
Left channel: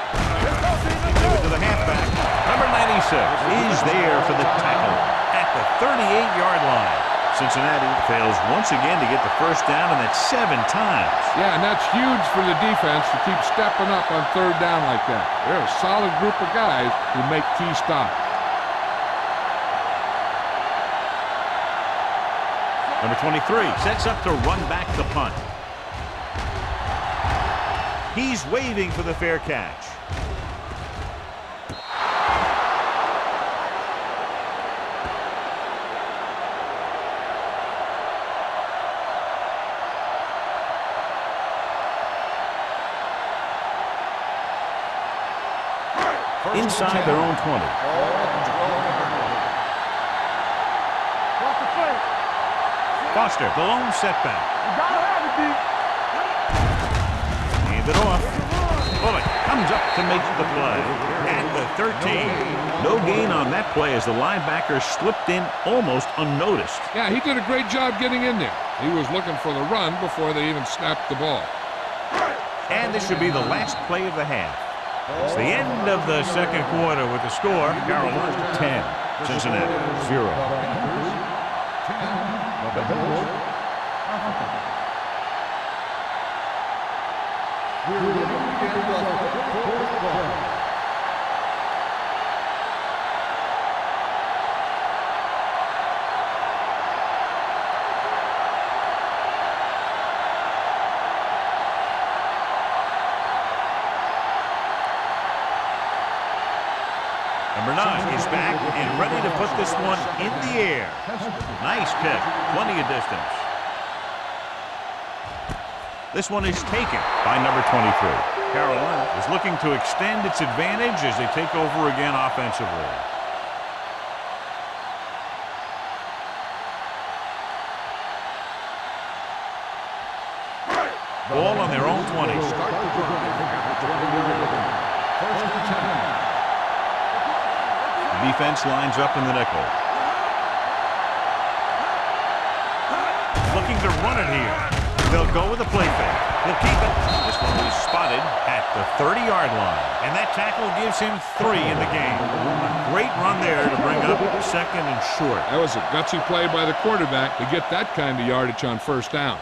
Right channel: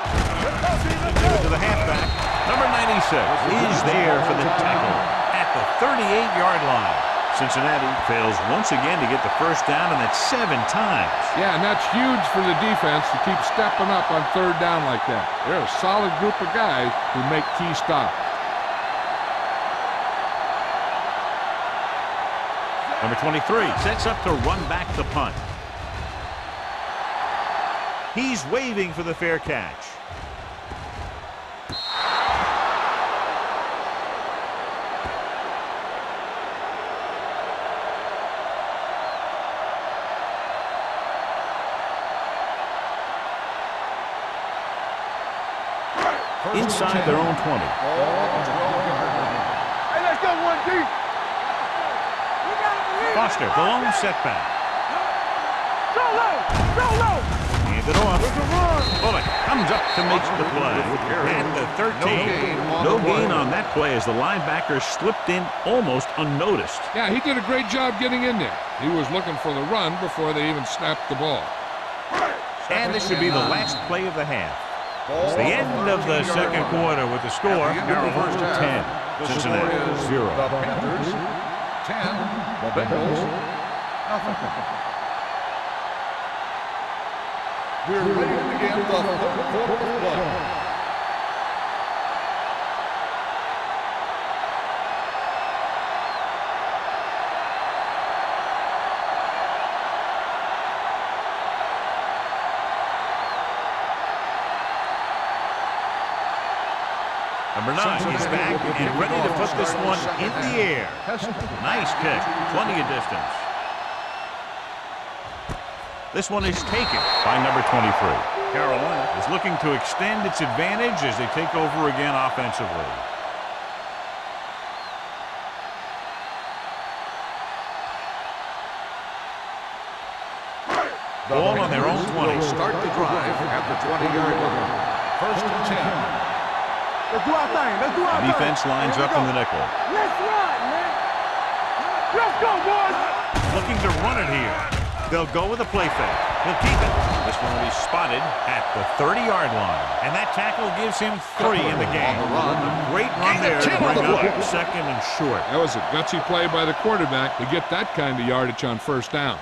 Give it to the halfback. Number 96 is there for the tackle at the 38-yard line. Cincinnati fails once again to get the first down, and that's 7 times. Yeah, and that's huge for the defense to keep stepping up on third down like that. They're a solid group of guys who make key stops. Number 23 sets up to run back the punt. He's waving for the fair catch. inside their own 20. Ball on the 12-yard line. Hey, let's go one deep. Watch the play. Foster, the lone setback. Hand it off. Bullock comes up to make the play. At the 13. No gain on that play as the linebacker slipped in almost unnoticed. Yeah, he did a great job getting in there. He was looking for the run before they even snapped the ball. And this should be the last play of the half. It's the end of the second quarter with the score, Carolina 10, Cincinnati 0. The Panthers 10, the Bengals nothing. We're ready to begin the third quarter of play. Number 9 is back and ready to put this one in the air. Nice kick, plenty of distance. This one is taken by number 23. Carolina is looking to extend its advantage as they take over again offensively. Ball on their own 20. Will start the drive at the 20-yard line. First and 10. Let's do our thing. Let's do our thing. Defense lines up in the nickel. Let's go, boys. Looking to run it here. They'll go with a play fake. He'll keep it. This one will be spotted at the 30-yard line. And that tackle gives him 3 in the game. A great run there to bring up second and short. That was a gutsy play by the quarterback to get that kind of yardage on first down.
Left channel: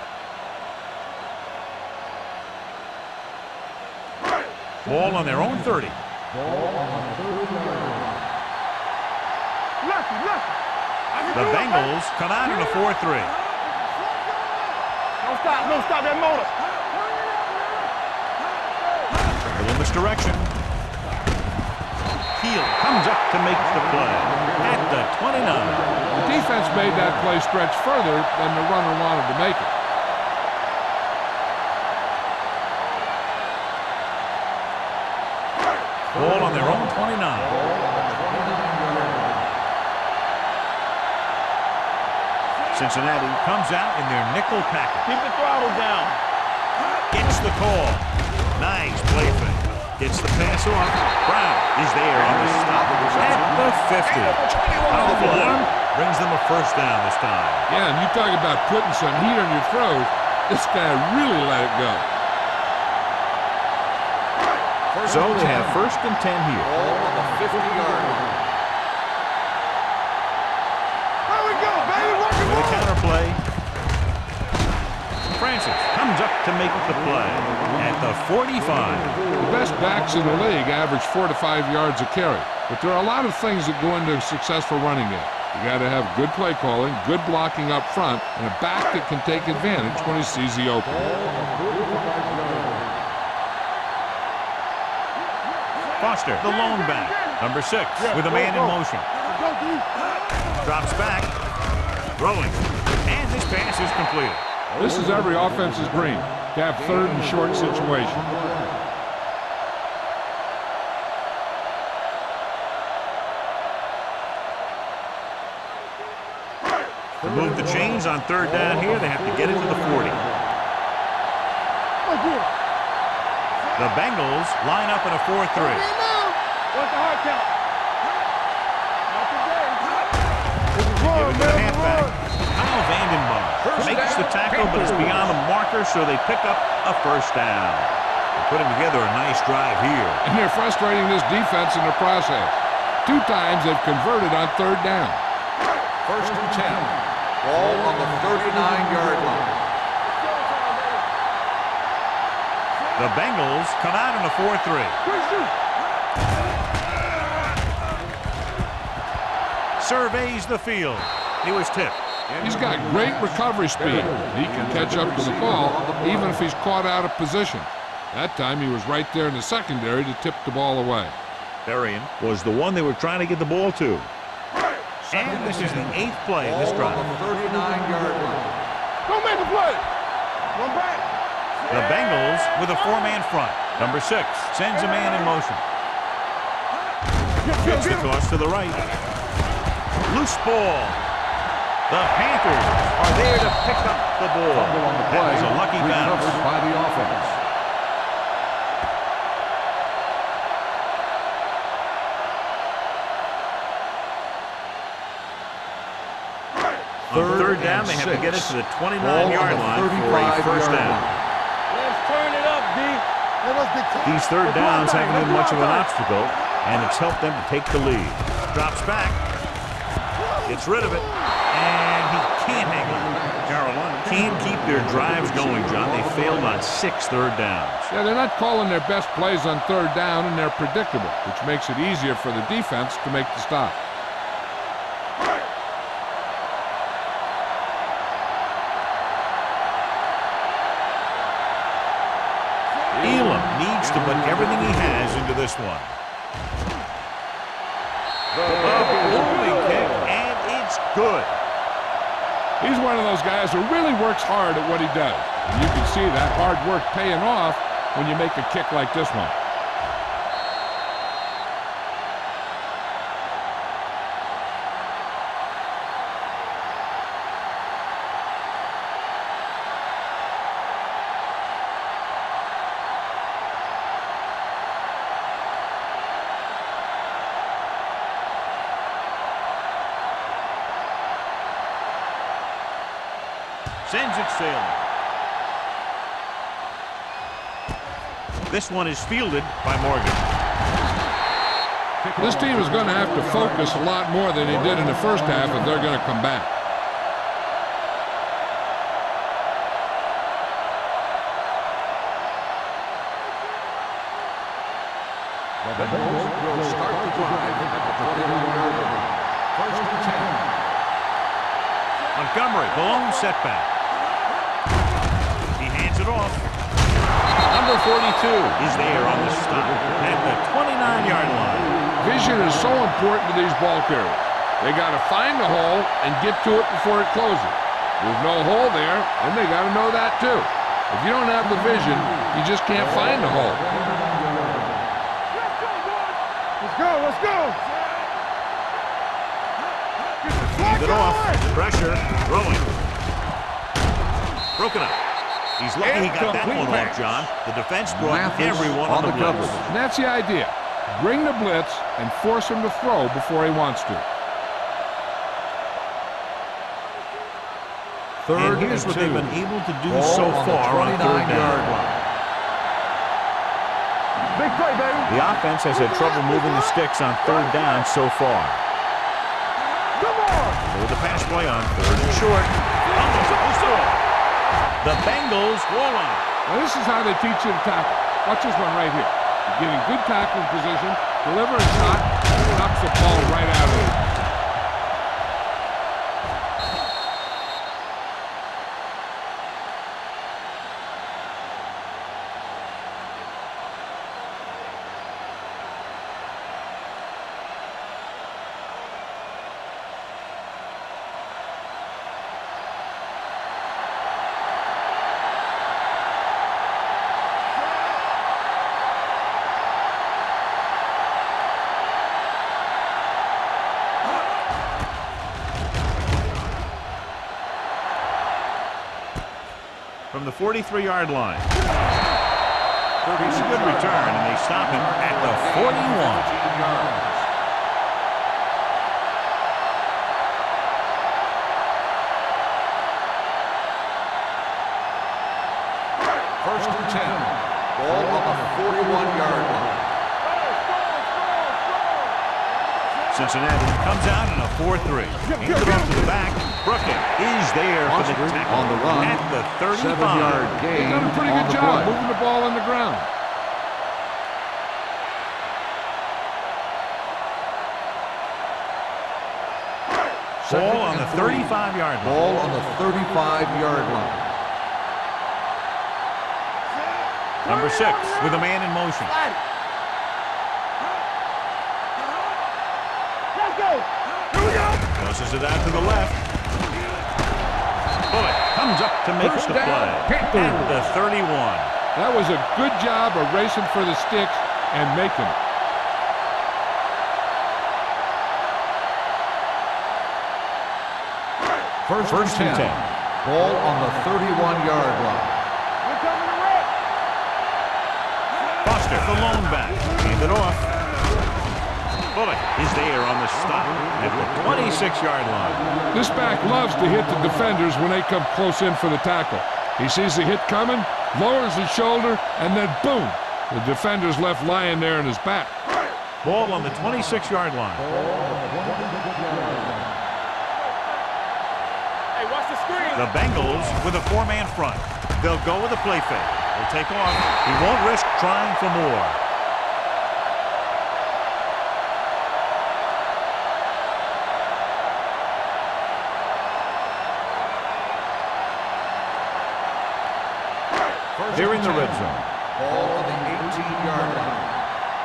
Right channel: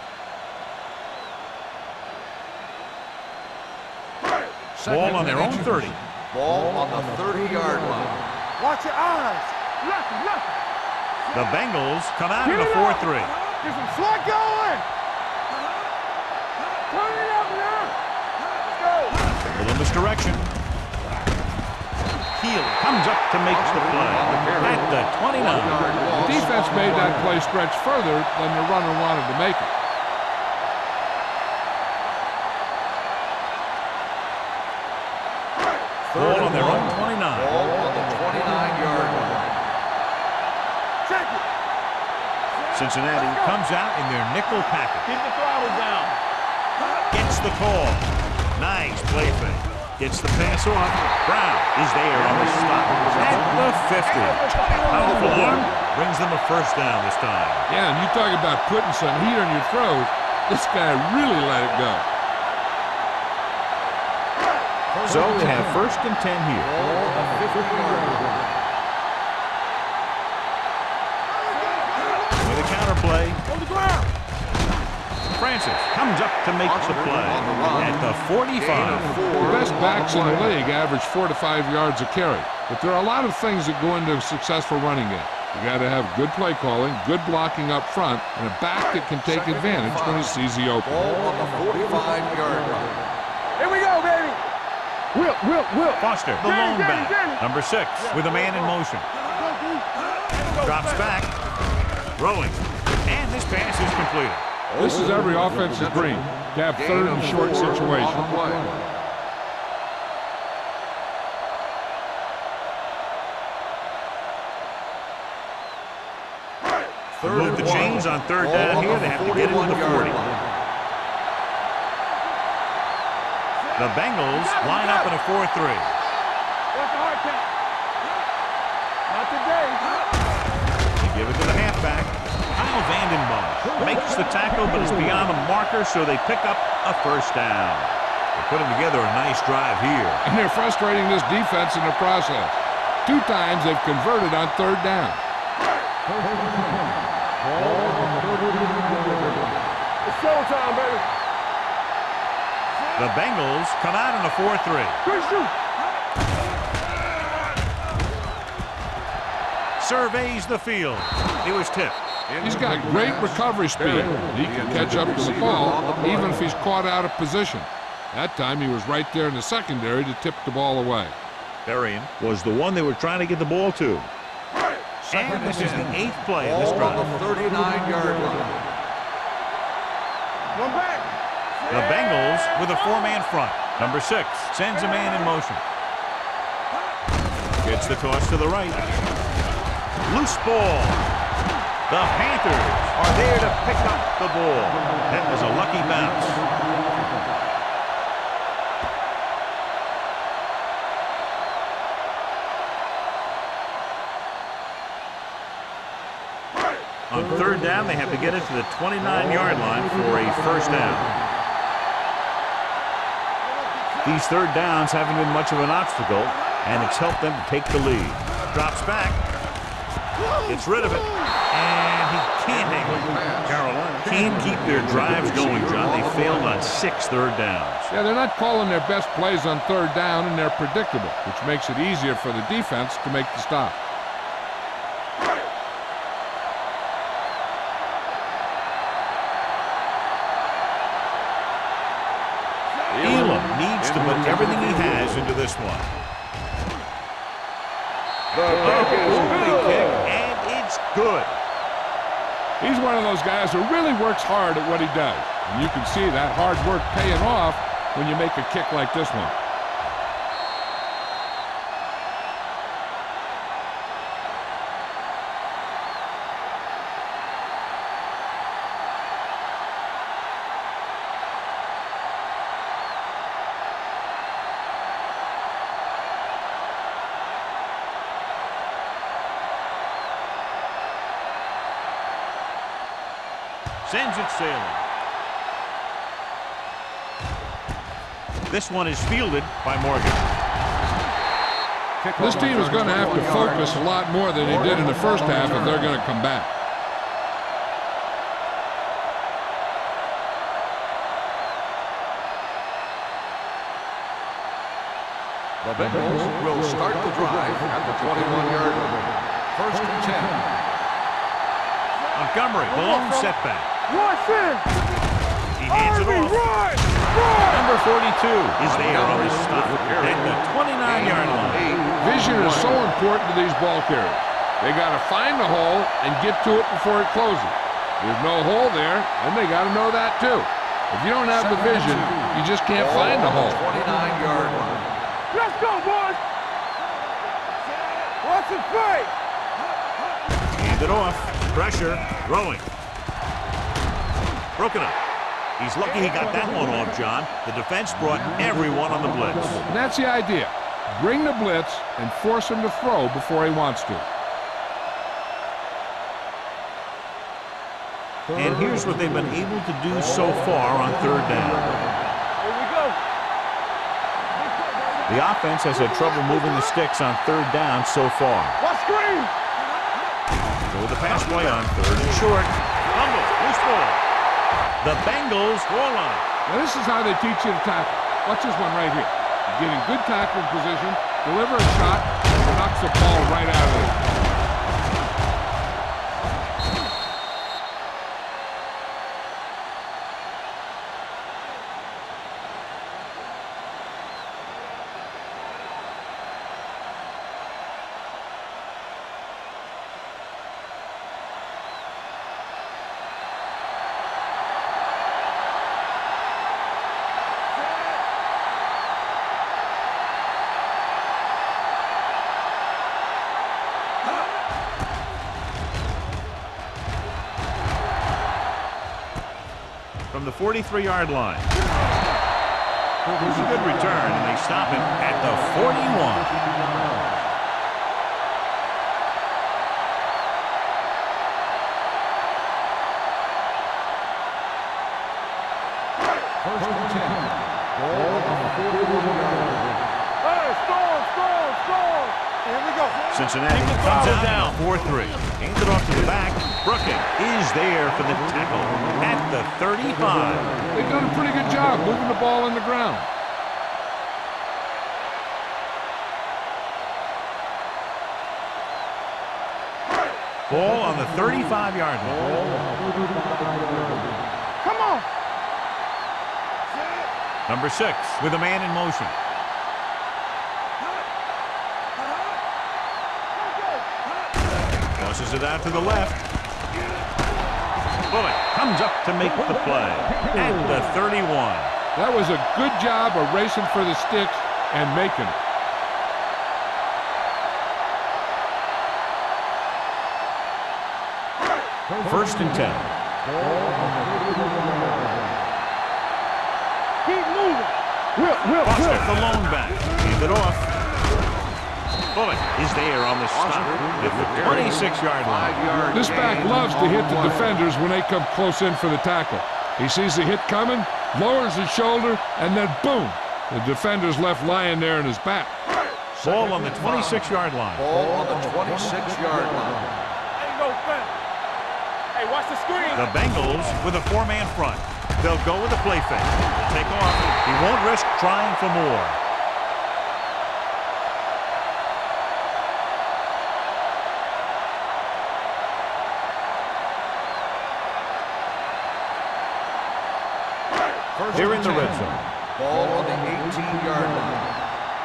Ball on their own 30. Ball on the 30-yard line. Watch your eyes. Lucky, lucky. The Bengals come out in a 4-3. Get some slug going. Don't stop that motor. Turn it up now. Let's go. A little misdirection. Heel comes up to make the play at the 29. The defense made that play stretch further than the runner wanted to make it. Ball on their own 29. Ball on the 29-yard line. Cincinnati comes out in their nickel package. Keep the throttle down. Gets the call. Nice play fake. Gets the pass off. Brown is there on the stop at the 50. Powerful arm brings them a first down this time. Yeah, and you talk about putting some heat on your throws. This guy really let it go. So they have first and 10 here. Ball on the 50-yard line. There we go, baby. With a counter play. Francis comes up to make the play at the 45. The best backs in the league average 4 to 5 yards a carry. But there are a lot of things that go into a successful running game. You got to have good play calling, good blocking up front, and a back that can take advantage when he sees the open. Ball on the 45-yard line. Here we go, baby. Whip. Foster, the lone back. Number 6 with a man in motion. Drops back. Throwing. And this pass is completed. This is every offense's dream, to have third and short situation. To move the chains on third down here, they have to get it to the 40. The Bengals line up in a 4-3. What's the hard count? Not today. They give it to the halfback. Kyle Vandenbosch makes the tackle, but it's beyond the marker, so they pick up a first down. They're putting together a nice drive here. And they're frustrating this defense in the process. 2 times they've converted on third down. First and 10. Ball on the 39-yard line. It's showtime, baby. The Bengals come out in a 4-3. Good shoot. Surveys the field. He was tipped. He's got great recovery speed. He can catch up to the ball even if he's caught out of position. That time he was right there in the secondary to tip the ball away. Berrien was the one they were trying to get the ball to. And this is the 8th play of this drive. Ball on the 39-yard line. Don't make the play. One back. The Bengals with a 4-man front. Number 6 sends a man in motion. Gets the toss to the right. Loose ball. The Panthers are there to pick up the ball. That was a lucky bounce. By the offense. On third down, they have to get it to the 29-yard line for a first down. Let's turn it up, D. These third downs haven't been much of an obstacle, and it's helped them to take the lead. Drops back, gets rid of it, and he can't hang it. Carolina can't keep their drives going, John. They failed on 6 third downs. Yeah, they're not calling their best plays on third down, and they're predictable, which makes it easier for the defense to make the stop. Elam needs to put everything he has into this one. A holding kick, and it's good. He's one of those guys who really works hard at what he does. And you can see that hard work paying off when you make a kick like this one. Sends it sailing. This one is fielded by Morgan. This team is going to have to focus a lot more than they did in the first half if they're going to come back. The Bengals will start the drive at the 21-yard line. First and 10. Montgomery, blown setback. He hands it off. Number 42 is there on the stop at the 29-yard line. Vision is so important to these ball carriers. They got to find the hole and get to it before it closes. There's no hole there, and they got to know that too. If you don't have the vision, you just can't find the hole. 29-yard line. Let's go, boys. Let's go, let's go. Watch it play. Hand it off. Pressure. Throwing. Broken up. He's lucky he got that one off, John. The defense brought everyone on the blitz. And that's the idea. Bring the blitz and force him to throw before he wants to. And here's what they've been able to do so far on third down. Big play, baby. The offense has had trouble moving the sticks on third down so far. Watch screen. Come on. So with the pass play on third and short. Fumble. Loose ball. The Bengals fall on it. Now this is how they teach you to tackle. Watch this one right here. You get in good tackling position, deliver a shot, and knocks the ball right out of it. From the 43-yard line. It's a good return, and they stop him at the 41. First and 10. Ball on the 41-yard line. Hey, score. Cincinnati comes out in a 4-3. Hands it off to the back. Brooking is there for the tackle at the 35. They've done a pretty good job moving the ball on the ground. Ball on the 35-yard line. Ball on the 35-yard line. Come on. Number 6 with a man in motion. Let's go. Tosses it out to the left. Bullock comes up to make the play at the 31. That was a good job of racing for the sticks and making it. First and 10. Ball on the 31-yard line. Keep moving. Foster, the lone back. Hand it off. Bullock is there on the stop at the 26-yard line. This back loves to hit the defenders when they come close in for the tackle. He sees the hit coming, lowers his shoulder, and then boom, the defender's left lying there in his back. Ball on the 26-yard line. Ball on the 26-yard line. Hey, watch the screen. The Bengals with a four-man front. They'll go with a play fake. They'll take off. He won't risk trying for more. They're in the red zone. Ball on the 18-yard line.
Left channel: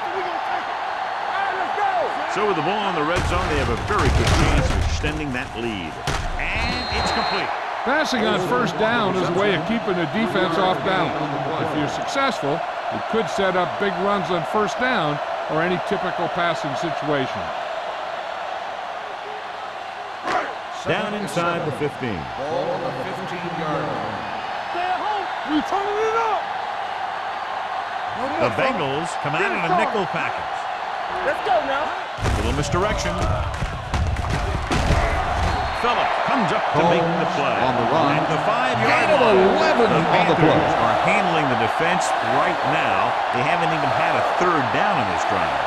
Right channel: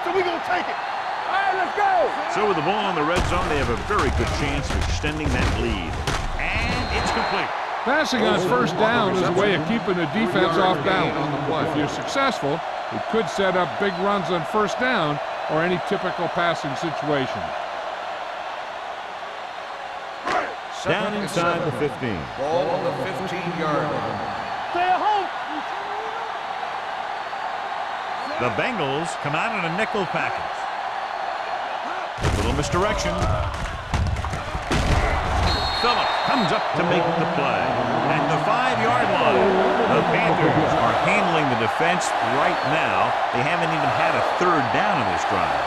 So we gonna take it. All right, let's go. So with the ball in the red zone, they have a very good chance of extending that lead. And it's complete. Passing on first down is a way of keeping the defense off balance. If you're successful, it could set up big runs on first down or any typical passing situation. Down inside the 15. Ball on the 15-yard line. Stay at home. You turning it up. The Bengals come out in a nickel package. Let's go now. Little misdirection. Phillips comes up to make the play. At the 5-yard line, the Panthers are handling the defense right now. They haven't even had a third down in this drive.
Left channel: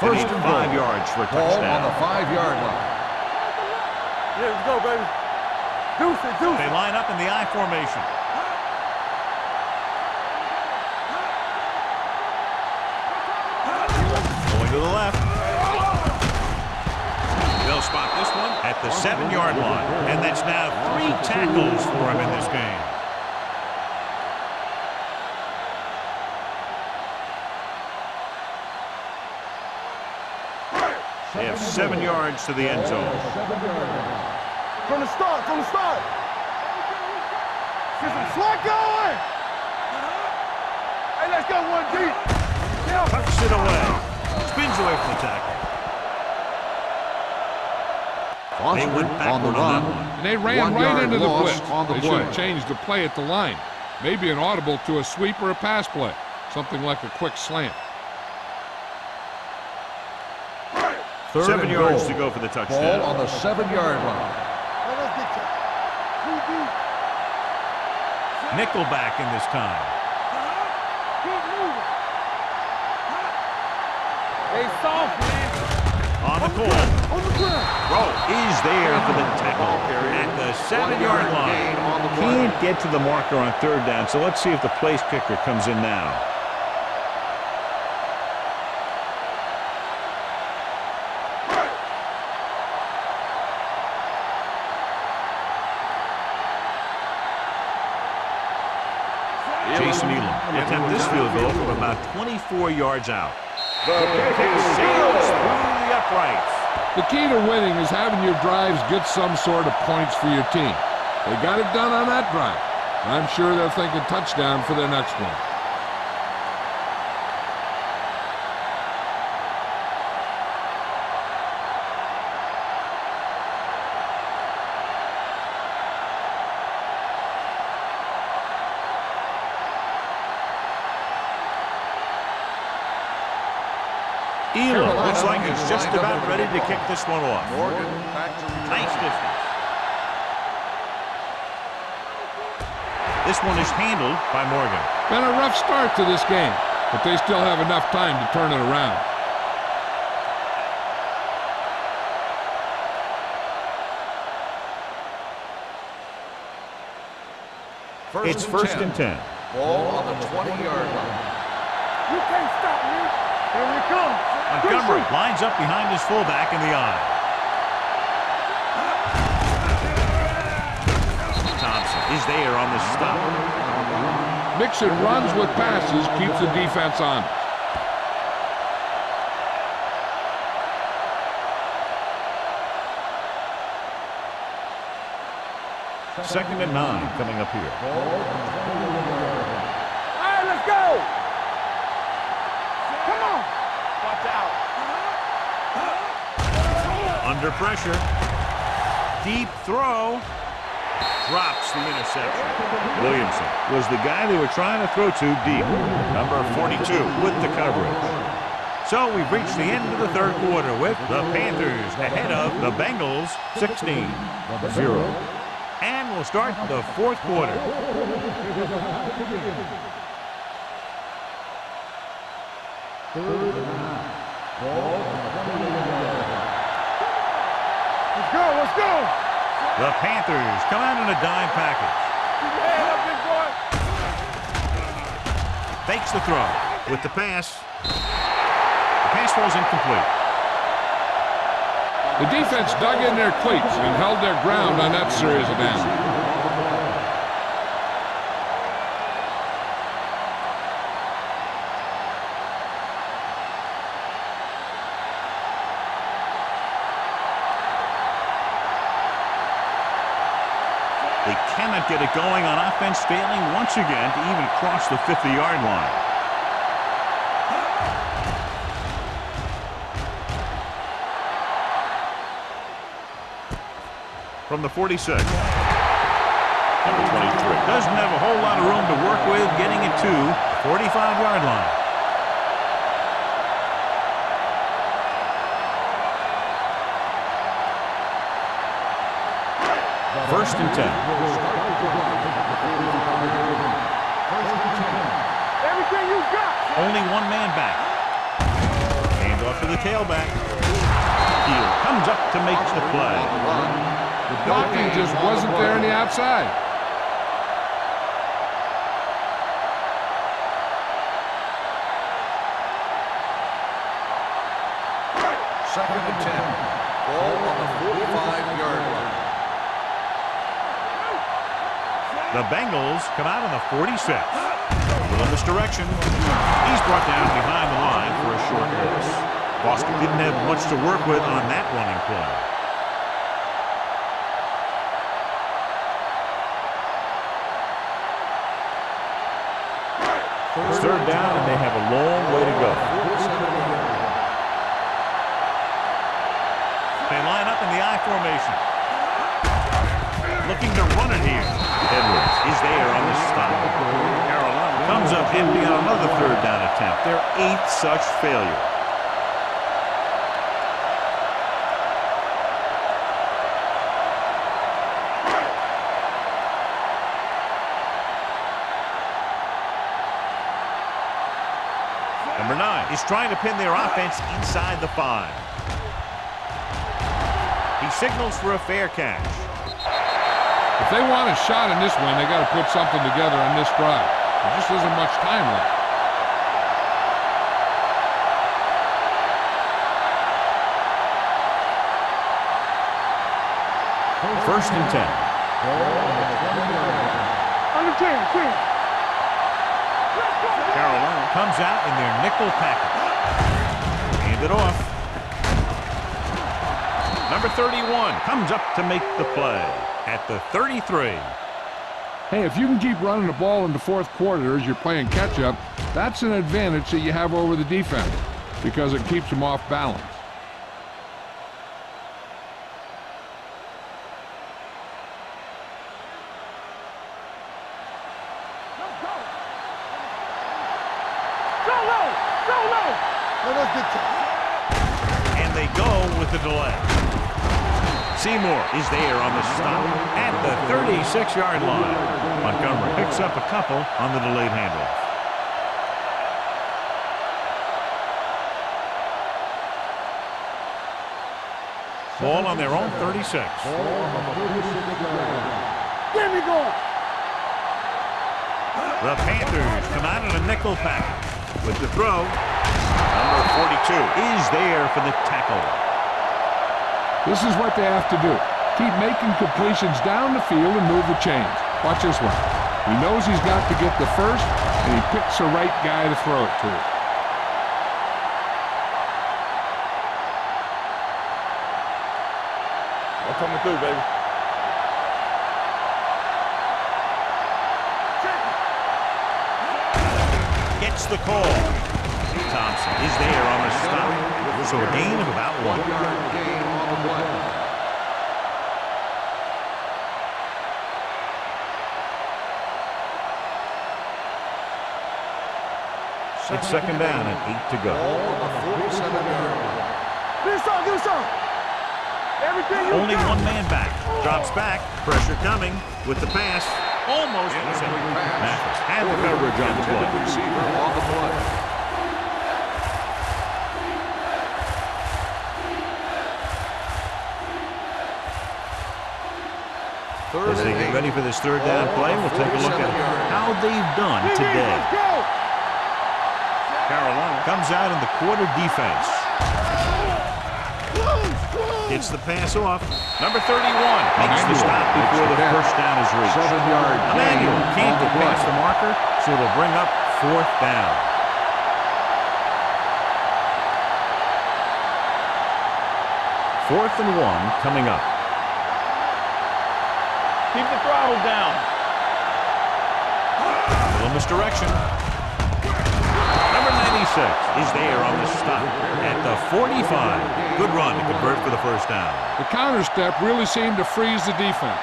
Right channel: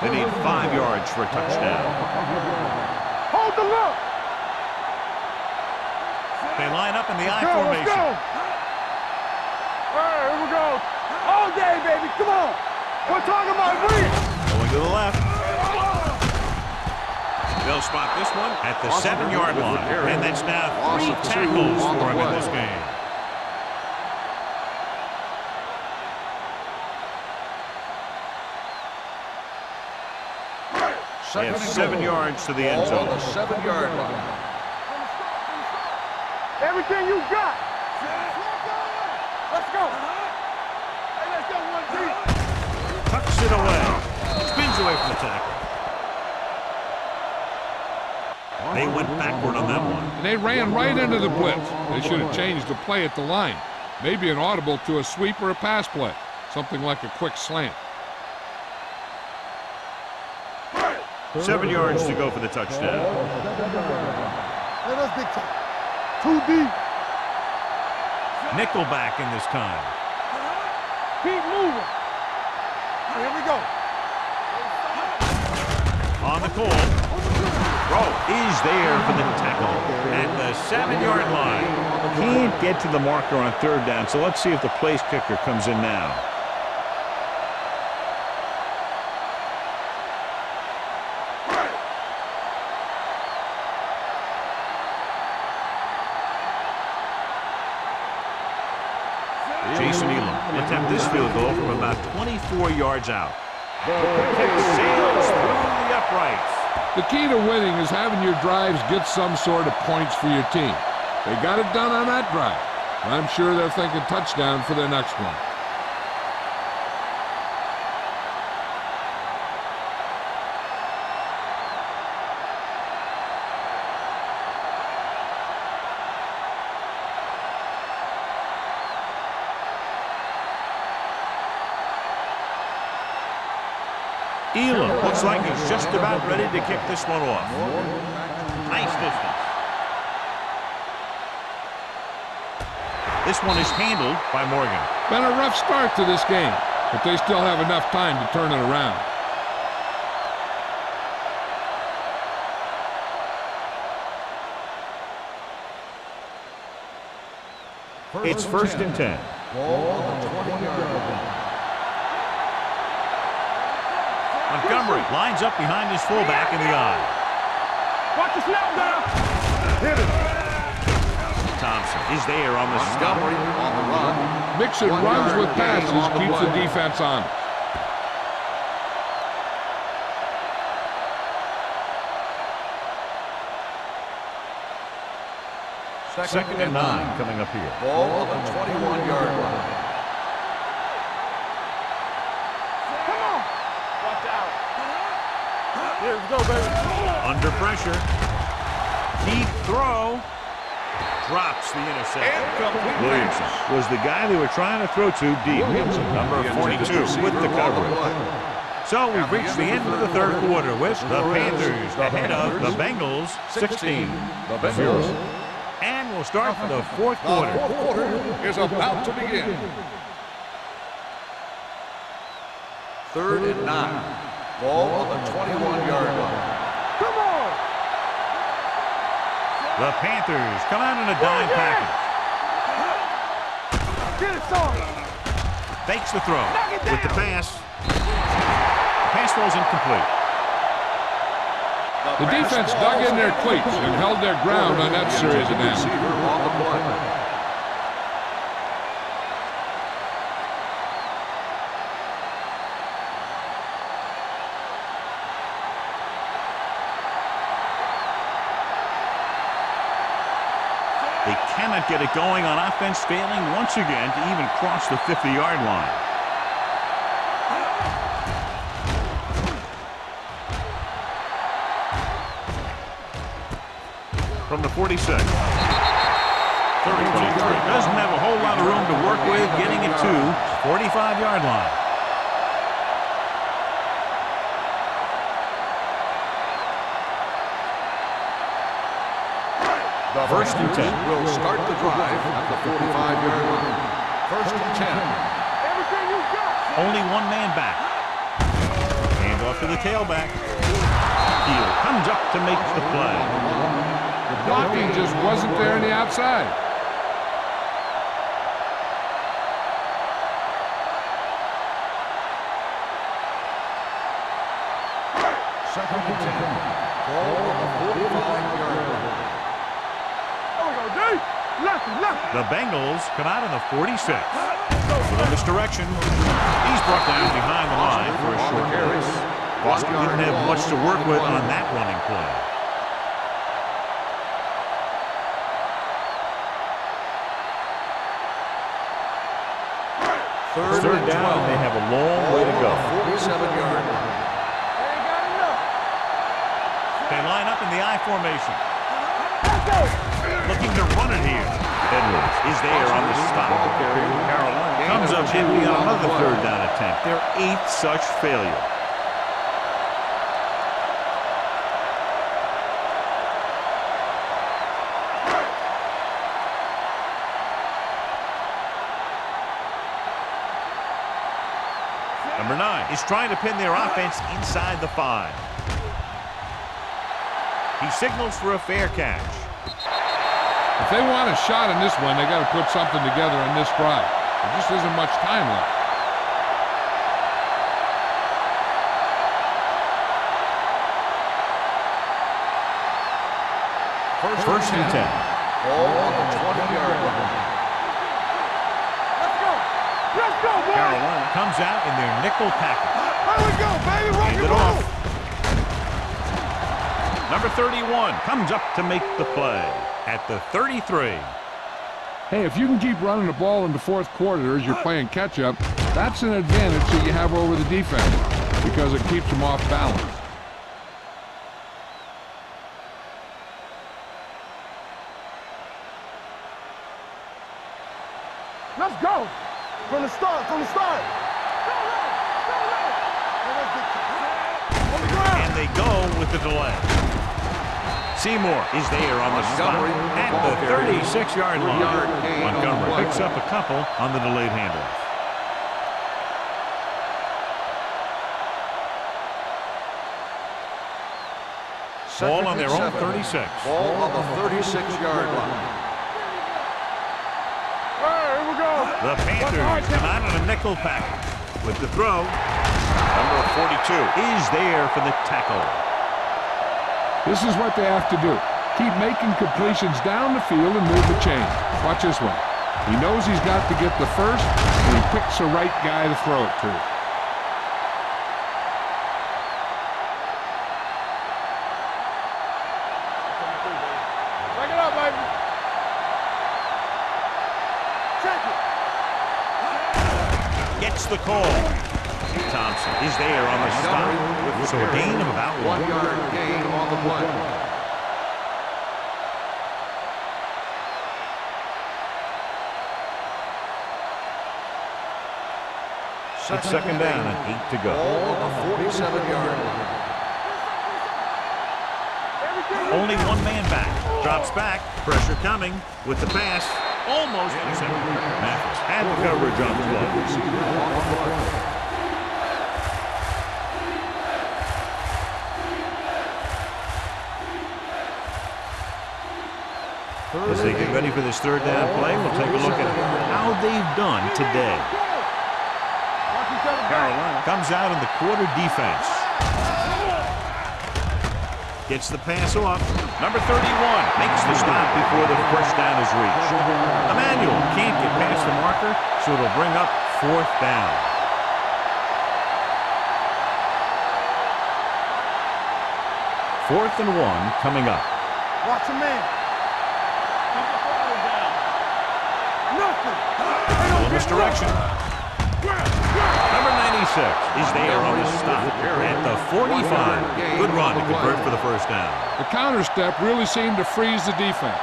They need 5 yards for a touchdown. Ball on the 5-yard line. Hold the look. Yeah, let's go, baby. Deuce it, deuce it. They line up in the I Let's formation. go. All right, here we go. All day, baby. Come on. We're talking about three. Going to the left. They'll spot this one at the 7-yard line. And that's now 3 tackles for him in this game. They have 7 yards to the end zone. 7-yard line. From the start. Everything you got. Slide going. Let's go. Hey, let's go one deep. Tucks it away. Spins away from the tackle. They went backward on that one. And they ran right into the blitz. They should have changed the play at the line. Maybe an audible to a sweep or a pass play. Something like a quick slant. 7 yards to go for the touchdown. Ball on the 7-yard line. Let us dictate. Too deep. Nickelback in this time. Keep moving. Here we go. Hey, soft. On the call. On the ground. Rowe is there for the tackle at the 7-yard line. Can't get to the marker on third down, so let's see if the place kicker comes in now. Jason Elam will attempt this field goal from about 24 yards out. The kick sails through the uprights. The key to winning is having your drives get some sort of points for your team. They got it done on that drive. And I'm sure they're thinking touchdown for their next one. Elam looks like he's just about ready to kick this one off. Morgan back to return. Nice distance. This one is handled by Morgan. Been a rough start to this game, but they still have enough time to turn it around. It's first and 10. Ball on the 20-yard line. You can't stop me. Here we come. Montgomery lines up behind his fullback in the eye. Watch the snap. Thompson is there on the stop. Montgomery on the run. Mixing runs with passes keeps the defense honest. Second and 9 coming up here. Ball on the 21-yard line. All right, let's go. Come on. Watch out. Under pressure. Deep throw. Drops the interception. Williamson was the guy they were trying to throw to deep. Number 42 with the coverage. So we've reached the end of the third quarter with the Panthers ahead of the Bengals 16-0. And we'll start the fourth quarter. The fourth quarter is about to begin. 3rd and 9. Ball on the 21-yard line. Come on. Let's go. Let's go. The Panthers come out in a dime package. Fakes the throw with the pass. The pass falls incomplete. The defense dug in their cleats and held their ground on that series of downs. On the play. They cannot get it going on offense, failing once again to even cross the 50-yard line. From the 46. Number 23. Doesn't have a whole lot of room to work with, getting it to the 45-yard line. First and 10. Will start the drive at the 45-yard line. 1st and 10. Everything you got. Only one man back. Hand off to the tailback. Heel comes up to make the play. On the run. The blocking just wasn't there on the outside. Second and 10. Ball on the 45-yard line. The Bengals come out in the 46. With this direction, he's brought down behind the line for a short loss. Boston didn't have much to work with on that running play. It's third down, and they have a long way to go. 47-yard line. They line up in the I formation. Looking to run it here. Edwards is there on the stop. Carolina comes up empty on another third down attempt. Their 8th such failure. Number 9 is trying to pin their offense inside the 5. He signals for a fair catch. If they want a shot in this one, they got to put something together on this drive. There just isn't much time left. First and 10. Carolina comes out in their nickel package. Hand it off. Number 31 comes up to make the play at the 33. Hey, if you can keep running the ball in the fourth quarter as you're playing catch-up, that's an advantage that you have over the defense because it keeps them off balance. Let's go. From the start. Go low. No, that's big time. And they go with the delay. Seymour is there on the stop at the 36-yard line. Montgomery picks up a couple on the delayed handoff. Ball on their own 36. Ball on the 36-yard line. Get me going. All right, here we go. The Panthers come out in a nickel package with the throw. Number 42 is there for the tackle. This is what they have to do. Keep making completions down the field and move the chains. Watch this one. He knows he's got to get the first, and he picks the right guy to throw it to. I'm coming through, baby. Bring it up, baby. Check it. Gets the call. Thompson is there on the stop. So a gain of about 1. 1 yard gain on the play. It's second down and 8 to go. Ball on the 47-yard line. Do something. Everything you Only got. one man back. Drops back. Pressure coming with the pass. Almost intercepted. Mathis had the coverage on the Intended play. receiver on the play. Third As they and get 8. ready for this third down Ball play, on the we'll take a look at 47-yard line. how they've done today. Let's go. Carolina comes out in the quarter defense. Gets the pass off. Number 31 makes the stop before the first down is reached. Emmanuel can't get past the marker, so it'll bring up fourth down. Fourth and 1 coming up. Watch your man. Keep the throttle down. Nothing. Little misdirection. Number 96 is there on the stop at the 45. Good run to convert for the first down. The counter step really seemed to freeze the defense.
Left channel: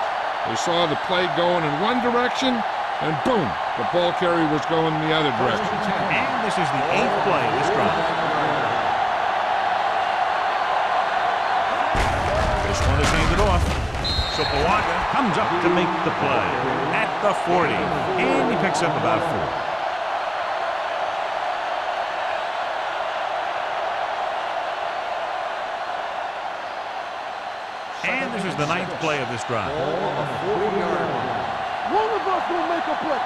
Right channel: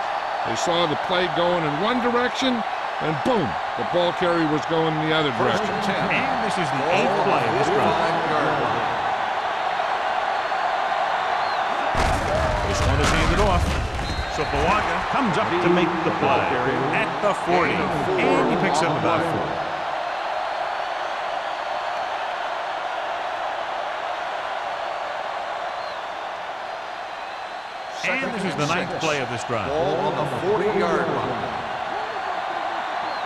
They saw the play going in one direction, and boom, the ball carrier was going in the other First direction. and 10. And this is the Ball 8th on play the of this drive. 45-yard line. This one is handed off. So Pawaga comes up to make the play at the 40. And he picks up about 4. And this is the 9th play of this drive. Ball on the 40-yard line. One of us gonna make a play.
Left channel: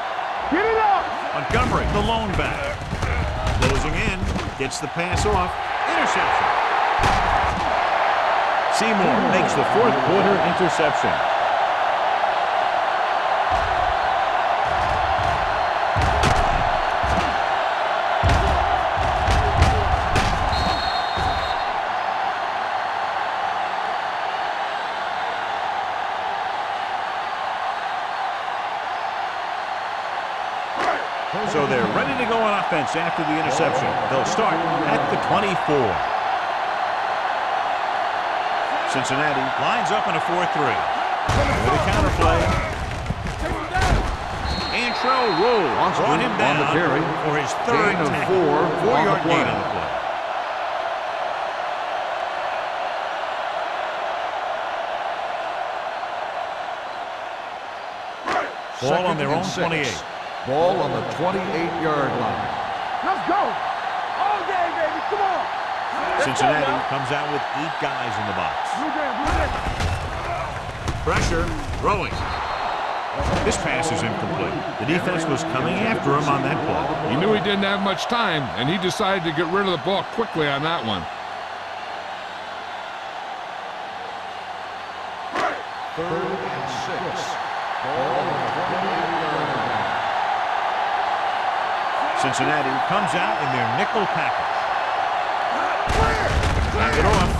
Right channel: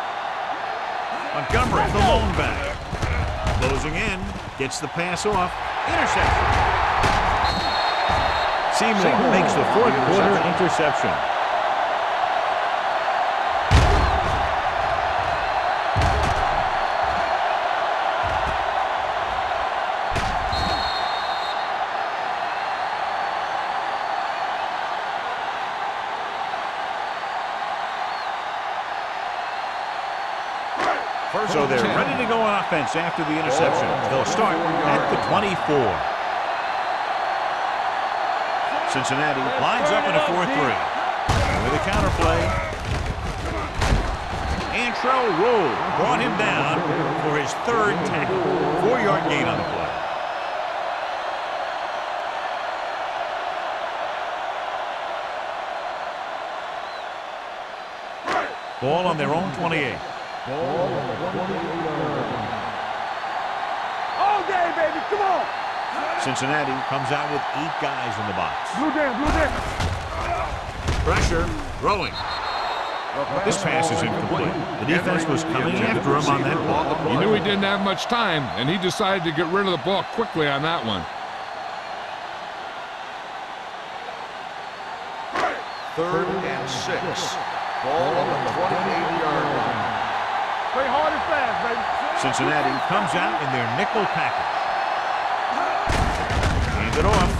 Get it out. Montgomery, the lone back. Closing in, gets the pass off. Interception. Seymour makes the fourth quarter interception. So they're ready to go on offense after the interception. They'll start at the 24. Cincinnati lines up in a 4-3. With a counter play. Antrell Roll brought him down for his third tackle. 4-yard gain on the play. Ball on their own 28. Ball on the 28-yard line. Let's go. All day, baby. Come on. Cincinnati comes out with 8 guys in the box. Blue down, blue down. Pressure, throwing. This pass is incomplete. The defense was coming after him on that play. He knew he didn't have much time, and he decided to get rid of the ball quickly on that one. Third and 6. Ball on the 28-yard line. Play hard and fast, baby. Cincinnati comes out in their nickel package. Hand it off.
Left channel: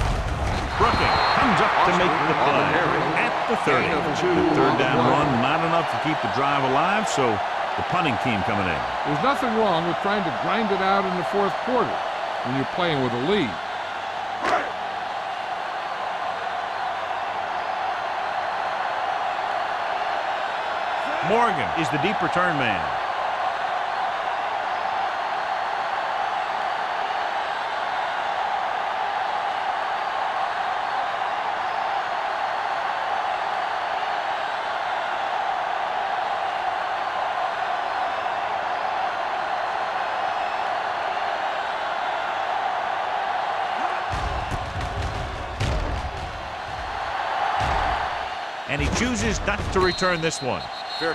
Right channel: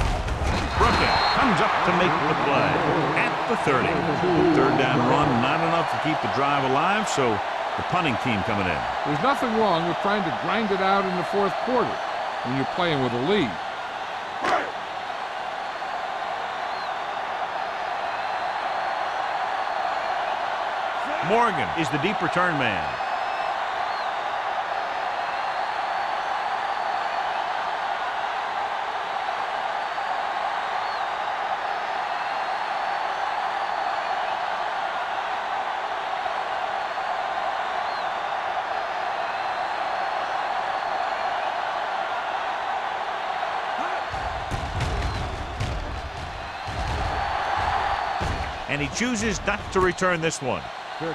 Brooking comes up to make the play at the 30. The third down run, not enough to keep the drive alive, so the punting team coming in. There's nothing wrong with trying to grind it out in the fourth quarter when you're playing with a lead. Morgan is the deep return man. And he chooses not to return this one.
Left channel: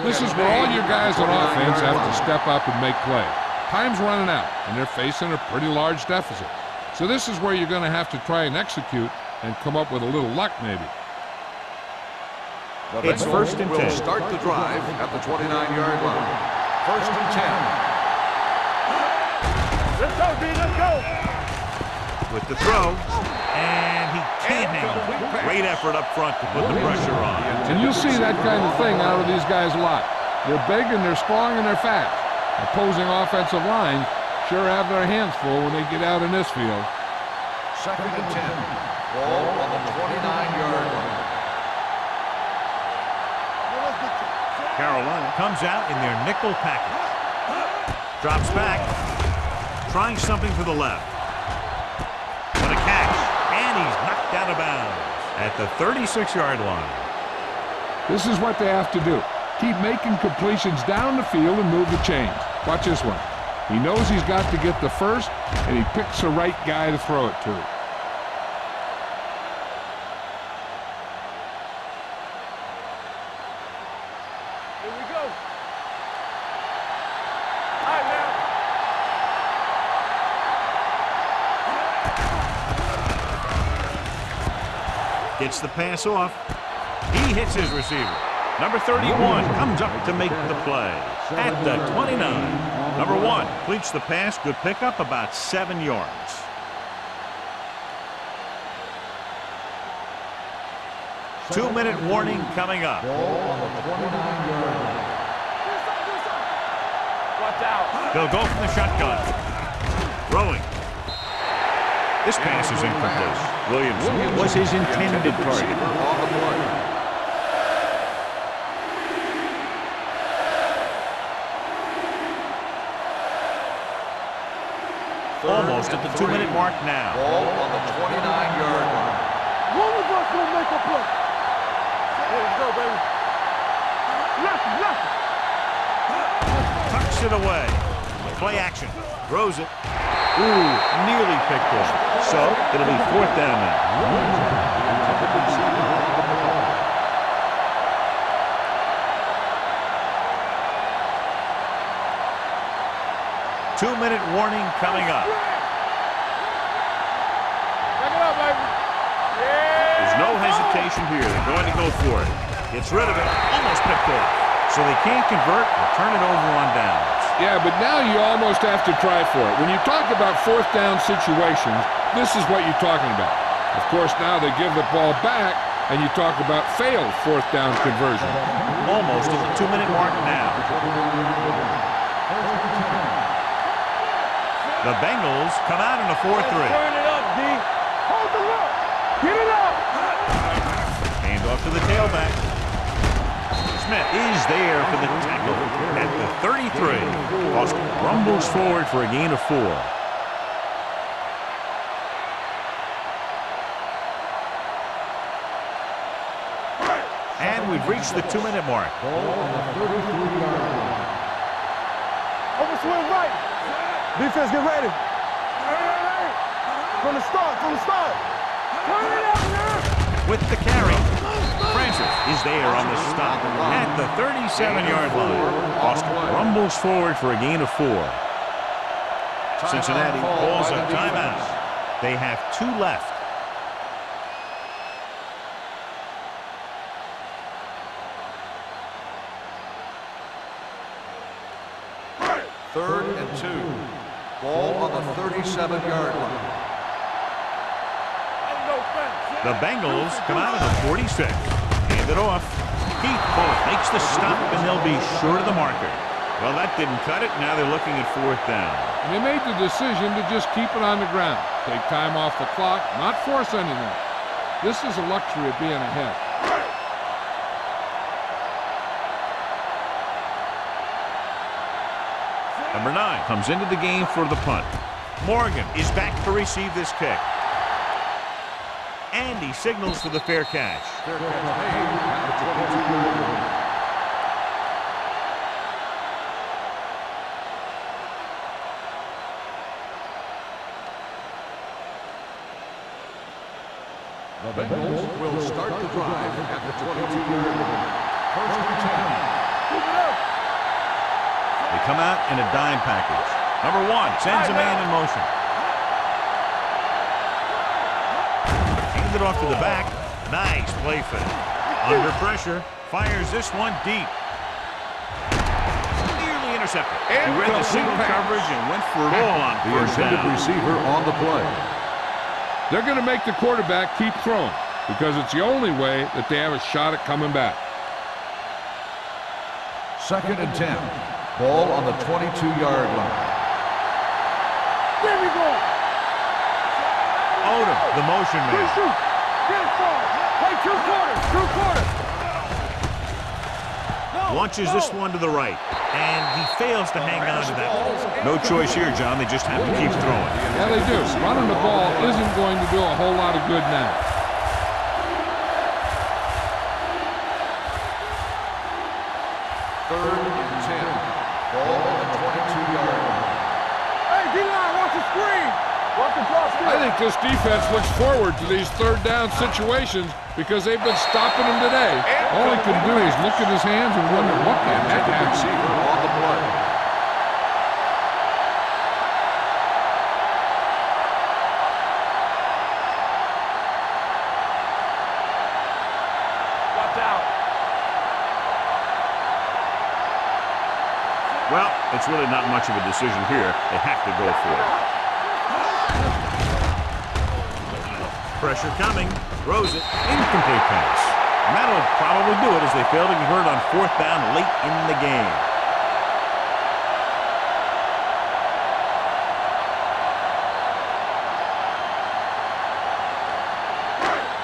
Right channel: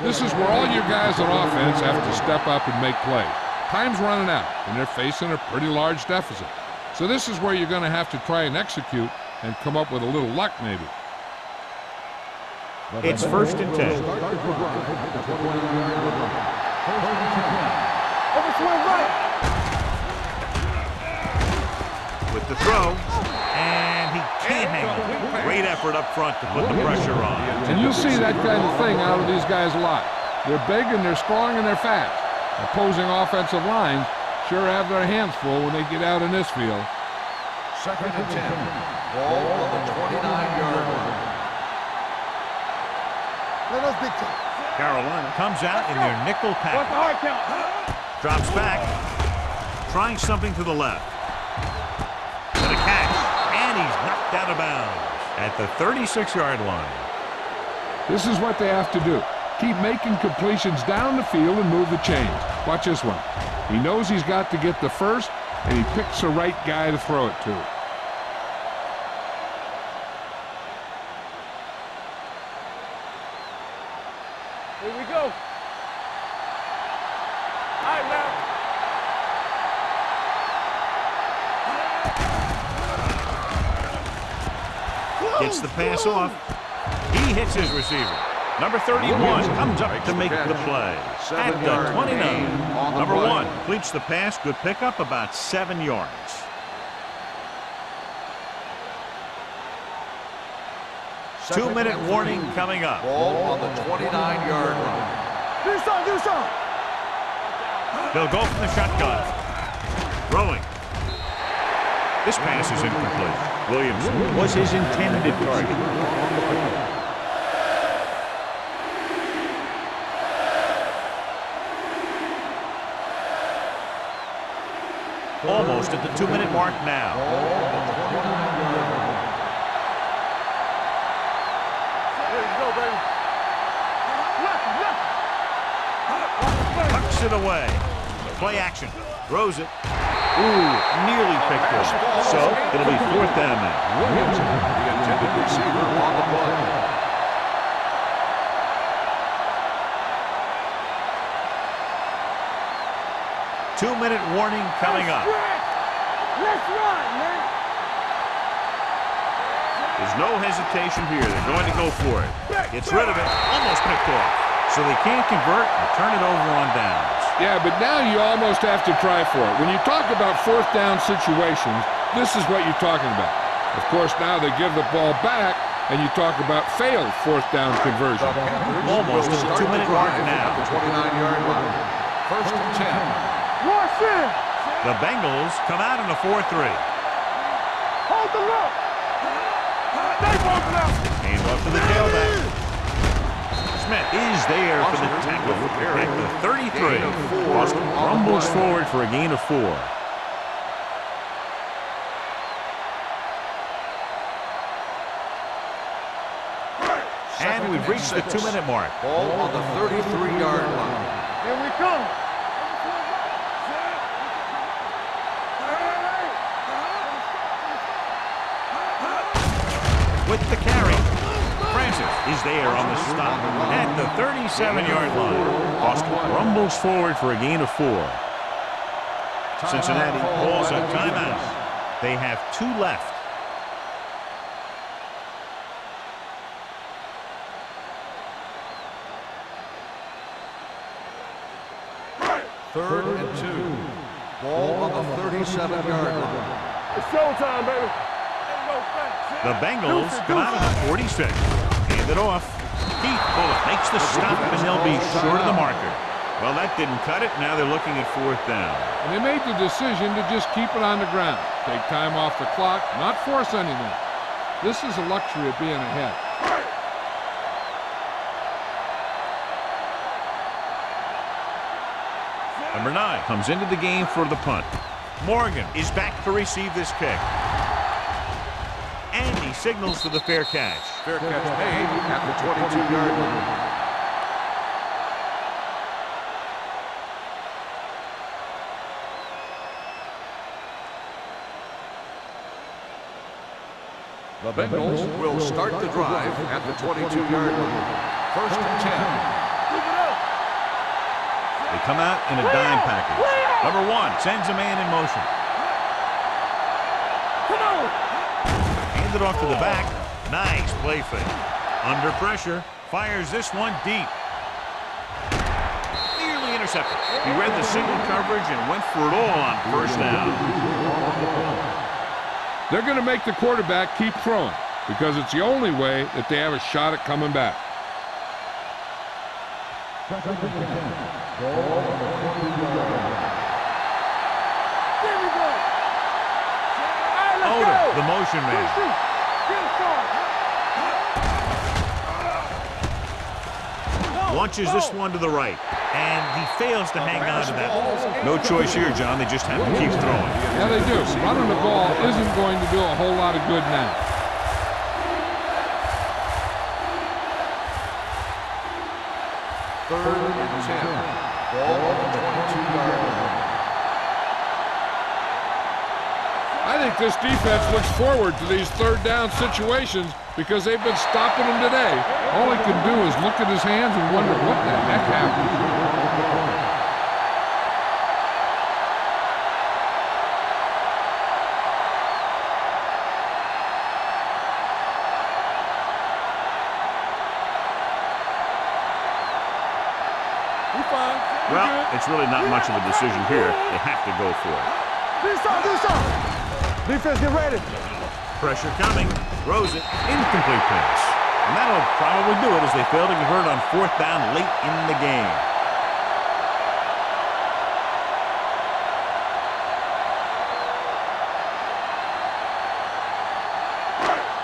This is where all your guys on offense have to step up and make plays. Time's running out, and they're facing a pretty large deficit. So this is where you're going to have to try and execute and come up with a little luck, maybe. It's first and 10. Start the drive at the 29-yard line. First and 10. With the throw, and he can't hang on. Great effort up front to put the pressure on. And you'll see that kind of thing out of these guys a lot. They're big and they're strong and they're fast. Opposing offensive lines sure have their hands full when they get out in this field. 2nd and 10. Ball on the 29-yard line. Let's dictate. Carolina comes out in their nickel package. Drops back. Trying something to the left. What a catch. And he's knocked out of bounds at the 36-yard line. This is what they have to do. Keep making completions down the field and move the chains. Watch this one. He knows he's got to get the first, and he picks the right guy to throw it to. Here we go. All right, now. Gets the pass off. He hits his receiver. Number 31 comes up to make the play at the 29. Number 1 completes the pass. Good pickup, about 7 yards. Two-minute warning coming up. Ball on the 29-yard line. Watch out. They'll go from the shotgun. Throwing. This pass is incomplete. Williams was his intended target. On the play. Almost at the 2-minute mark now. Ball on the 29-yard line. One of us will make a play. Here we go, baby. Left. Tucks it away. Play action. Throws it. Ooh, nearly picked off. So it'll be 4th down now. Williams, the intended receiver, on the play. Two-minute warning coming up. There's no hesitation here. They're going to go for it. Gets rid of it. Almost picked off. So they can't convert and turn it over on downs. Yeah, but now you almost have to try for it. When you talk about 4th down situations, this is what you're talking about. Of course, now they give the ball back, and you talk about failed 4th down conversion. Almost at the 2-minute mark now. 29-yard line. 1st and 10. The Bengals come out in a 4-3. Turn it up, D. Hold the look. Get it up. Hand off to the tailback. Smith is there for the tackle at the 33. Boston rumbles forward for a gain of 4. And we've reached the 2-minute mark. Ball on the 33-yard line. Here we come. Over swing right. Defense, get ready. Hey. From the start. With the carry, Francis is there on the stop at the 37-yard line. Boston rumbles forward for a gain of 4. Cincinnati calls a timeout. They have 2 left. Third and 2. Ball on the 37-yard line. It's showtime, baby. Ain't no thanks. The Bengals come out of the 46. Hand it off. Keith Bullitt makes the stop, and they'll be short of the marker. Well, that didn't cut it. Now they're looking at 4th down. And they made the decision to just keep it on the ground. Take time off the clock, not force anything. This is a luxury of being ahead. Number 9 comes into the game for the punt. Morgan is back to receive this kick. And he signals for the fair catch. Fair catch made at the 22-yard line. The Bengals will start the drive at the 22-yard line. 1st and 10. Move it up. They come out in a dime package. Number 1 sends a man in motion. Handed off to the back. Nice play fake. Under pressure. Fires this one deep. Nearly intercepted. He read the single coverage and went for it all on 1st down. Receiver on the play. They're going to make the quarterback keep throwing because it's the only way that they have a shot at coming back. 2nd and 10. Ball on the 22-yard line. Get me going. Hey, let's Odom, go. the motion Good man. shoot. Get it started. Hey, 2 points. Launches this one to the right. And he fails to hang on to that one. No choice here, John. They just have to keep throwing. Yeah, they do. Running the ball isn't going to do a whole lot of good now. Third and 10. Ball on the 22-yard line. Hey, D-line, watch the screen. Watch the drop. I think this defense looks forward to these third down situations because they've been stopping him today. All he can do is look at his hands and wonder what the heck happened. On the play. Well, it's really not much of a decision here. They have to go for it. Defense, get ready. Pressure coming. Throws it. Incomplete pass. And that'll probably do it as they fail to convert on 4th down late in the game.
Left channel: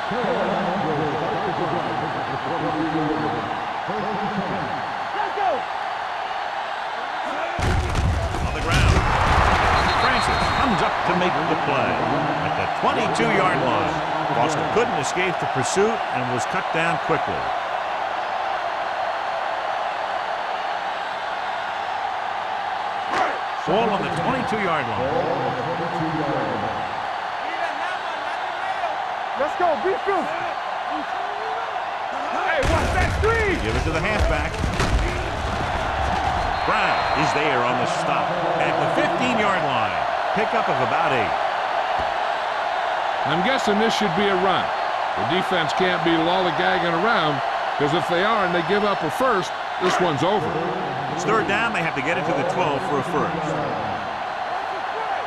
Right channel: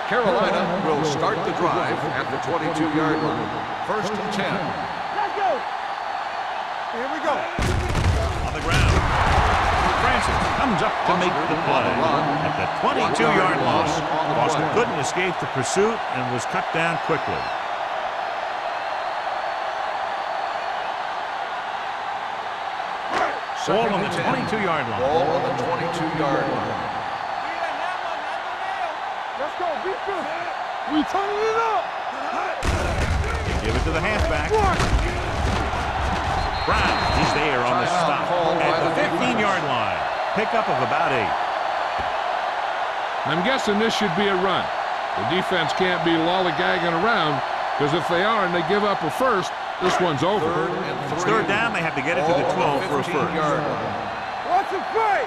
Carolina will start the drive at the 22-yard line. First and 10. Let's go. Here we go. On the ground. Francis comes up to make the play at the 22-yard line. Boston couldn't escape the pursuit and was cut down quickly. Ball on the 22-yard line. Ball on the 22-yard line. Need a hammer, not the nail. Let's go. Be physical. We turn it up. They give it to the halfback. Brown is there on the stop at the 15-yard line. Pickup of about 8. I'm guessing this should be a run. The defense can't be lollygagging around because if they are and they give up a first, this one's over. It's 3rd down. They have to get it to the 12 for a first. Watch it play.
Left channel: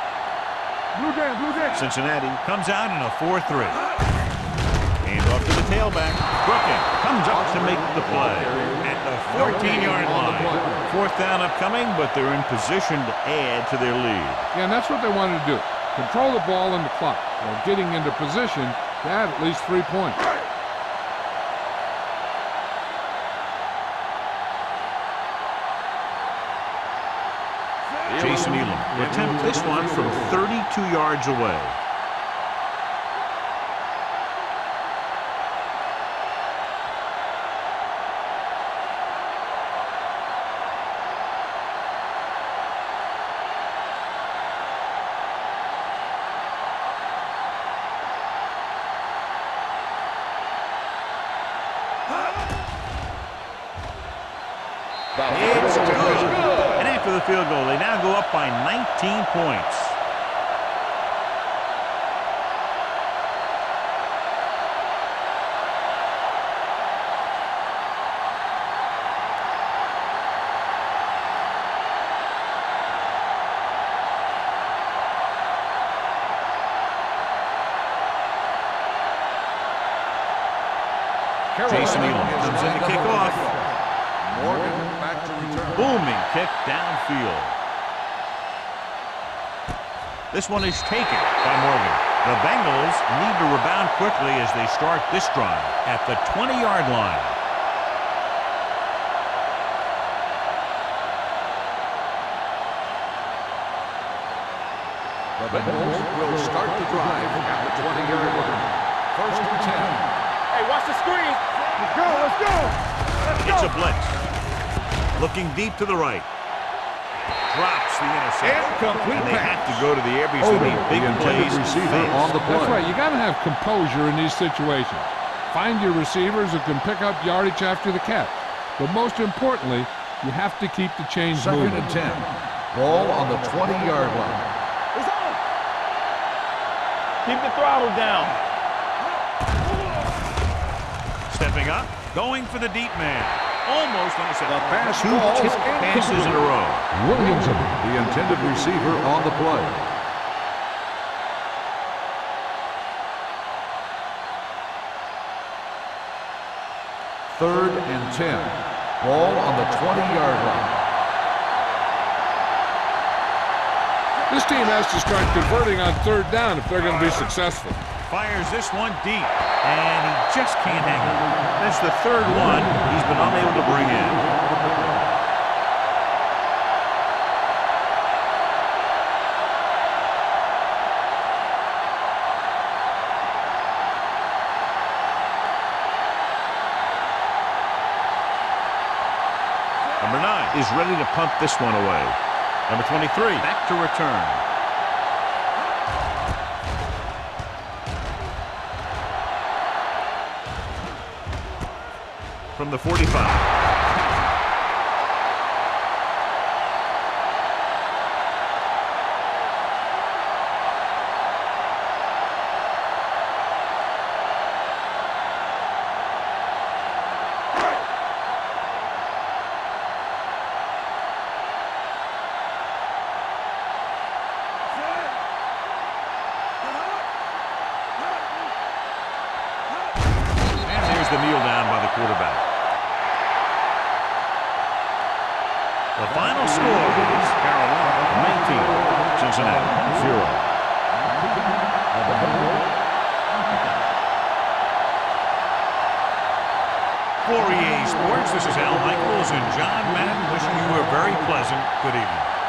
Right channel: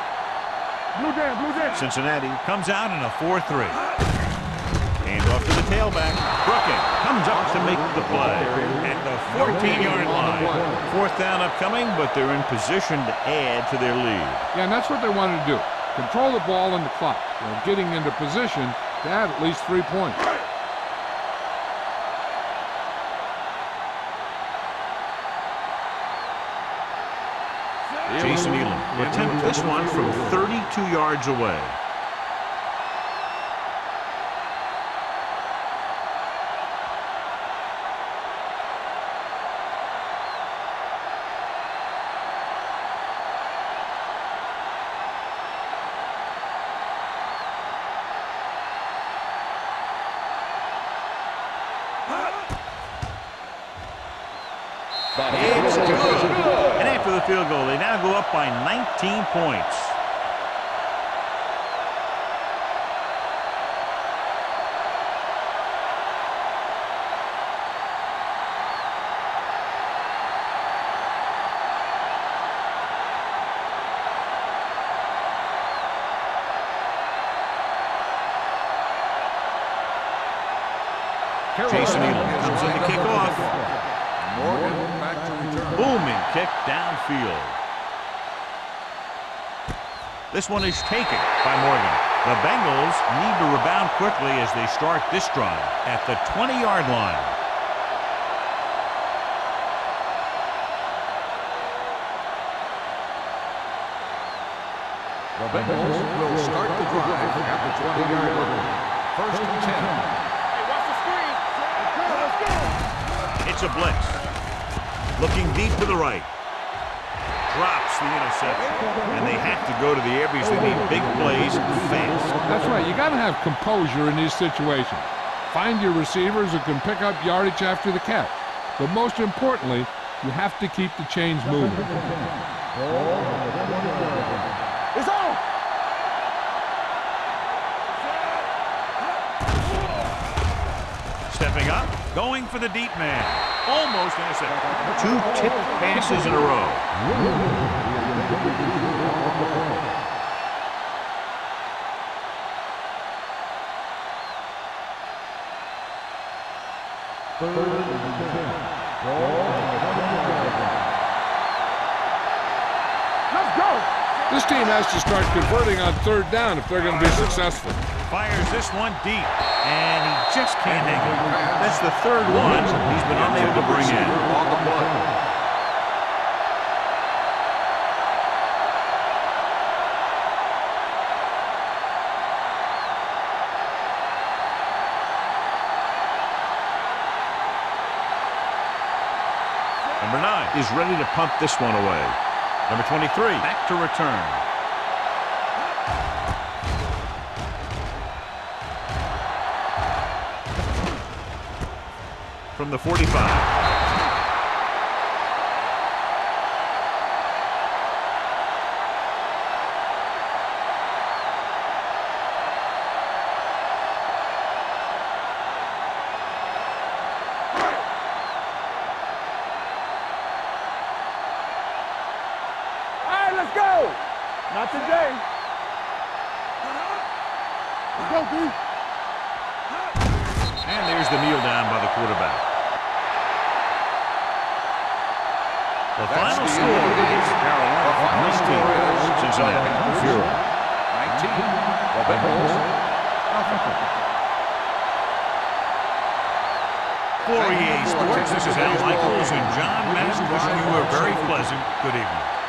Blue down. Cincinnati comes out in a 4-3. Hand off to the tailback. Brooking comes up to make the play at the 14-yard line. 4th down upcoming, but they're in position to add to their lead. Yeah, and that's what they wanted to do. Control the ball and the clock while getting into position to add at least 3 points. Jason Elam will attempt this one from 32 yards away. It's good. And after the field goal, they now go up by 19 points. Jason Elam comes in to kick off. Morgan back to return. Booming kick downfield. This one is taken by Morgan. The Bengals need to rebound quickly as they start this drive at the 20-yard line. The Bengals will start the drive at the 20-yard line. First and 10. Hey, watch the screen. Let's go. It's a blitz. Looking deep to the right. Drops the interception. And they have to go to the air because they need big plays fast. That's right. You got to have composure in these situations. Find your receivers who can pick up yardage after the catch. But most importantly, you have to keep the chains Second moving. and 10. Ball on the 20-yard line. It's on. Keep the throttle down. Stepping up, going for the deep man. Almost intercepted. 2 tipped passes in a row. Williamson, the intended receiver on the play. Third and 10. Ball on the 20-yard line. Let's go. This team has to start converting on third down if they're going to be successful. Fires this one deep, and he just can't hang on. That's the third one he's been unable to bring in. Number 9 is ready to punt this one away. Number 23 back to return. From the 45. And there's the kneel down by the quarterback. The final score is Carolina 19, Cincinnati 0. 19. The Bengals. For EA Sports, this is Al Michaels and John Madden wishing you a very pleasant good evening.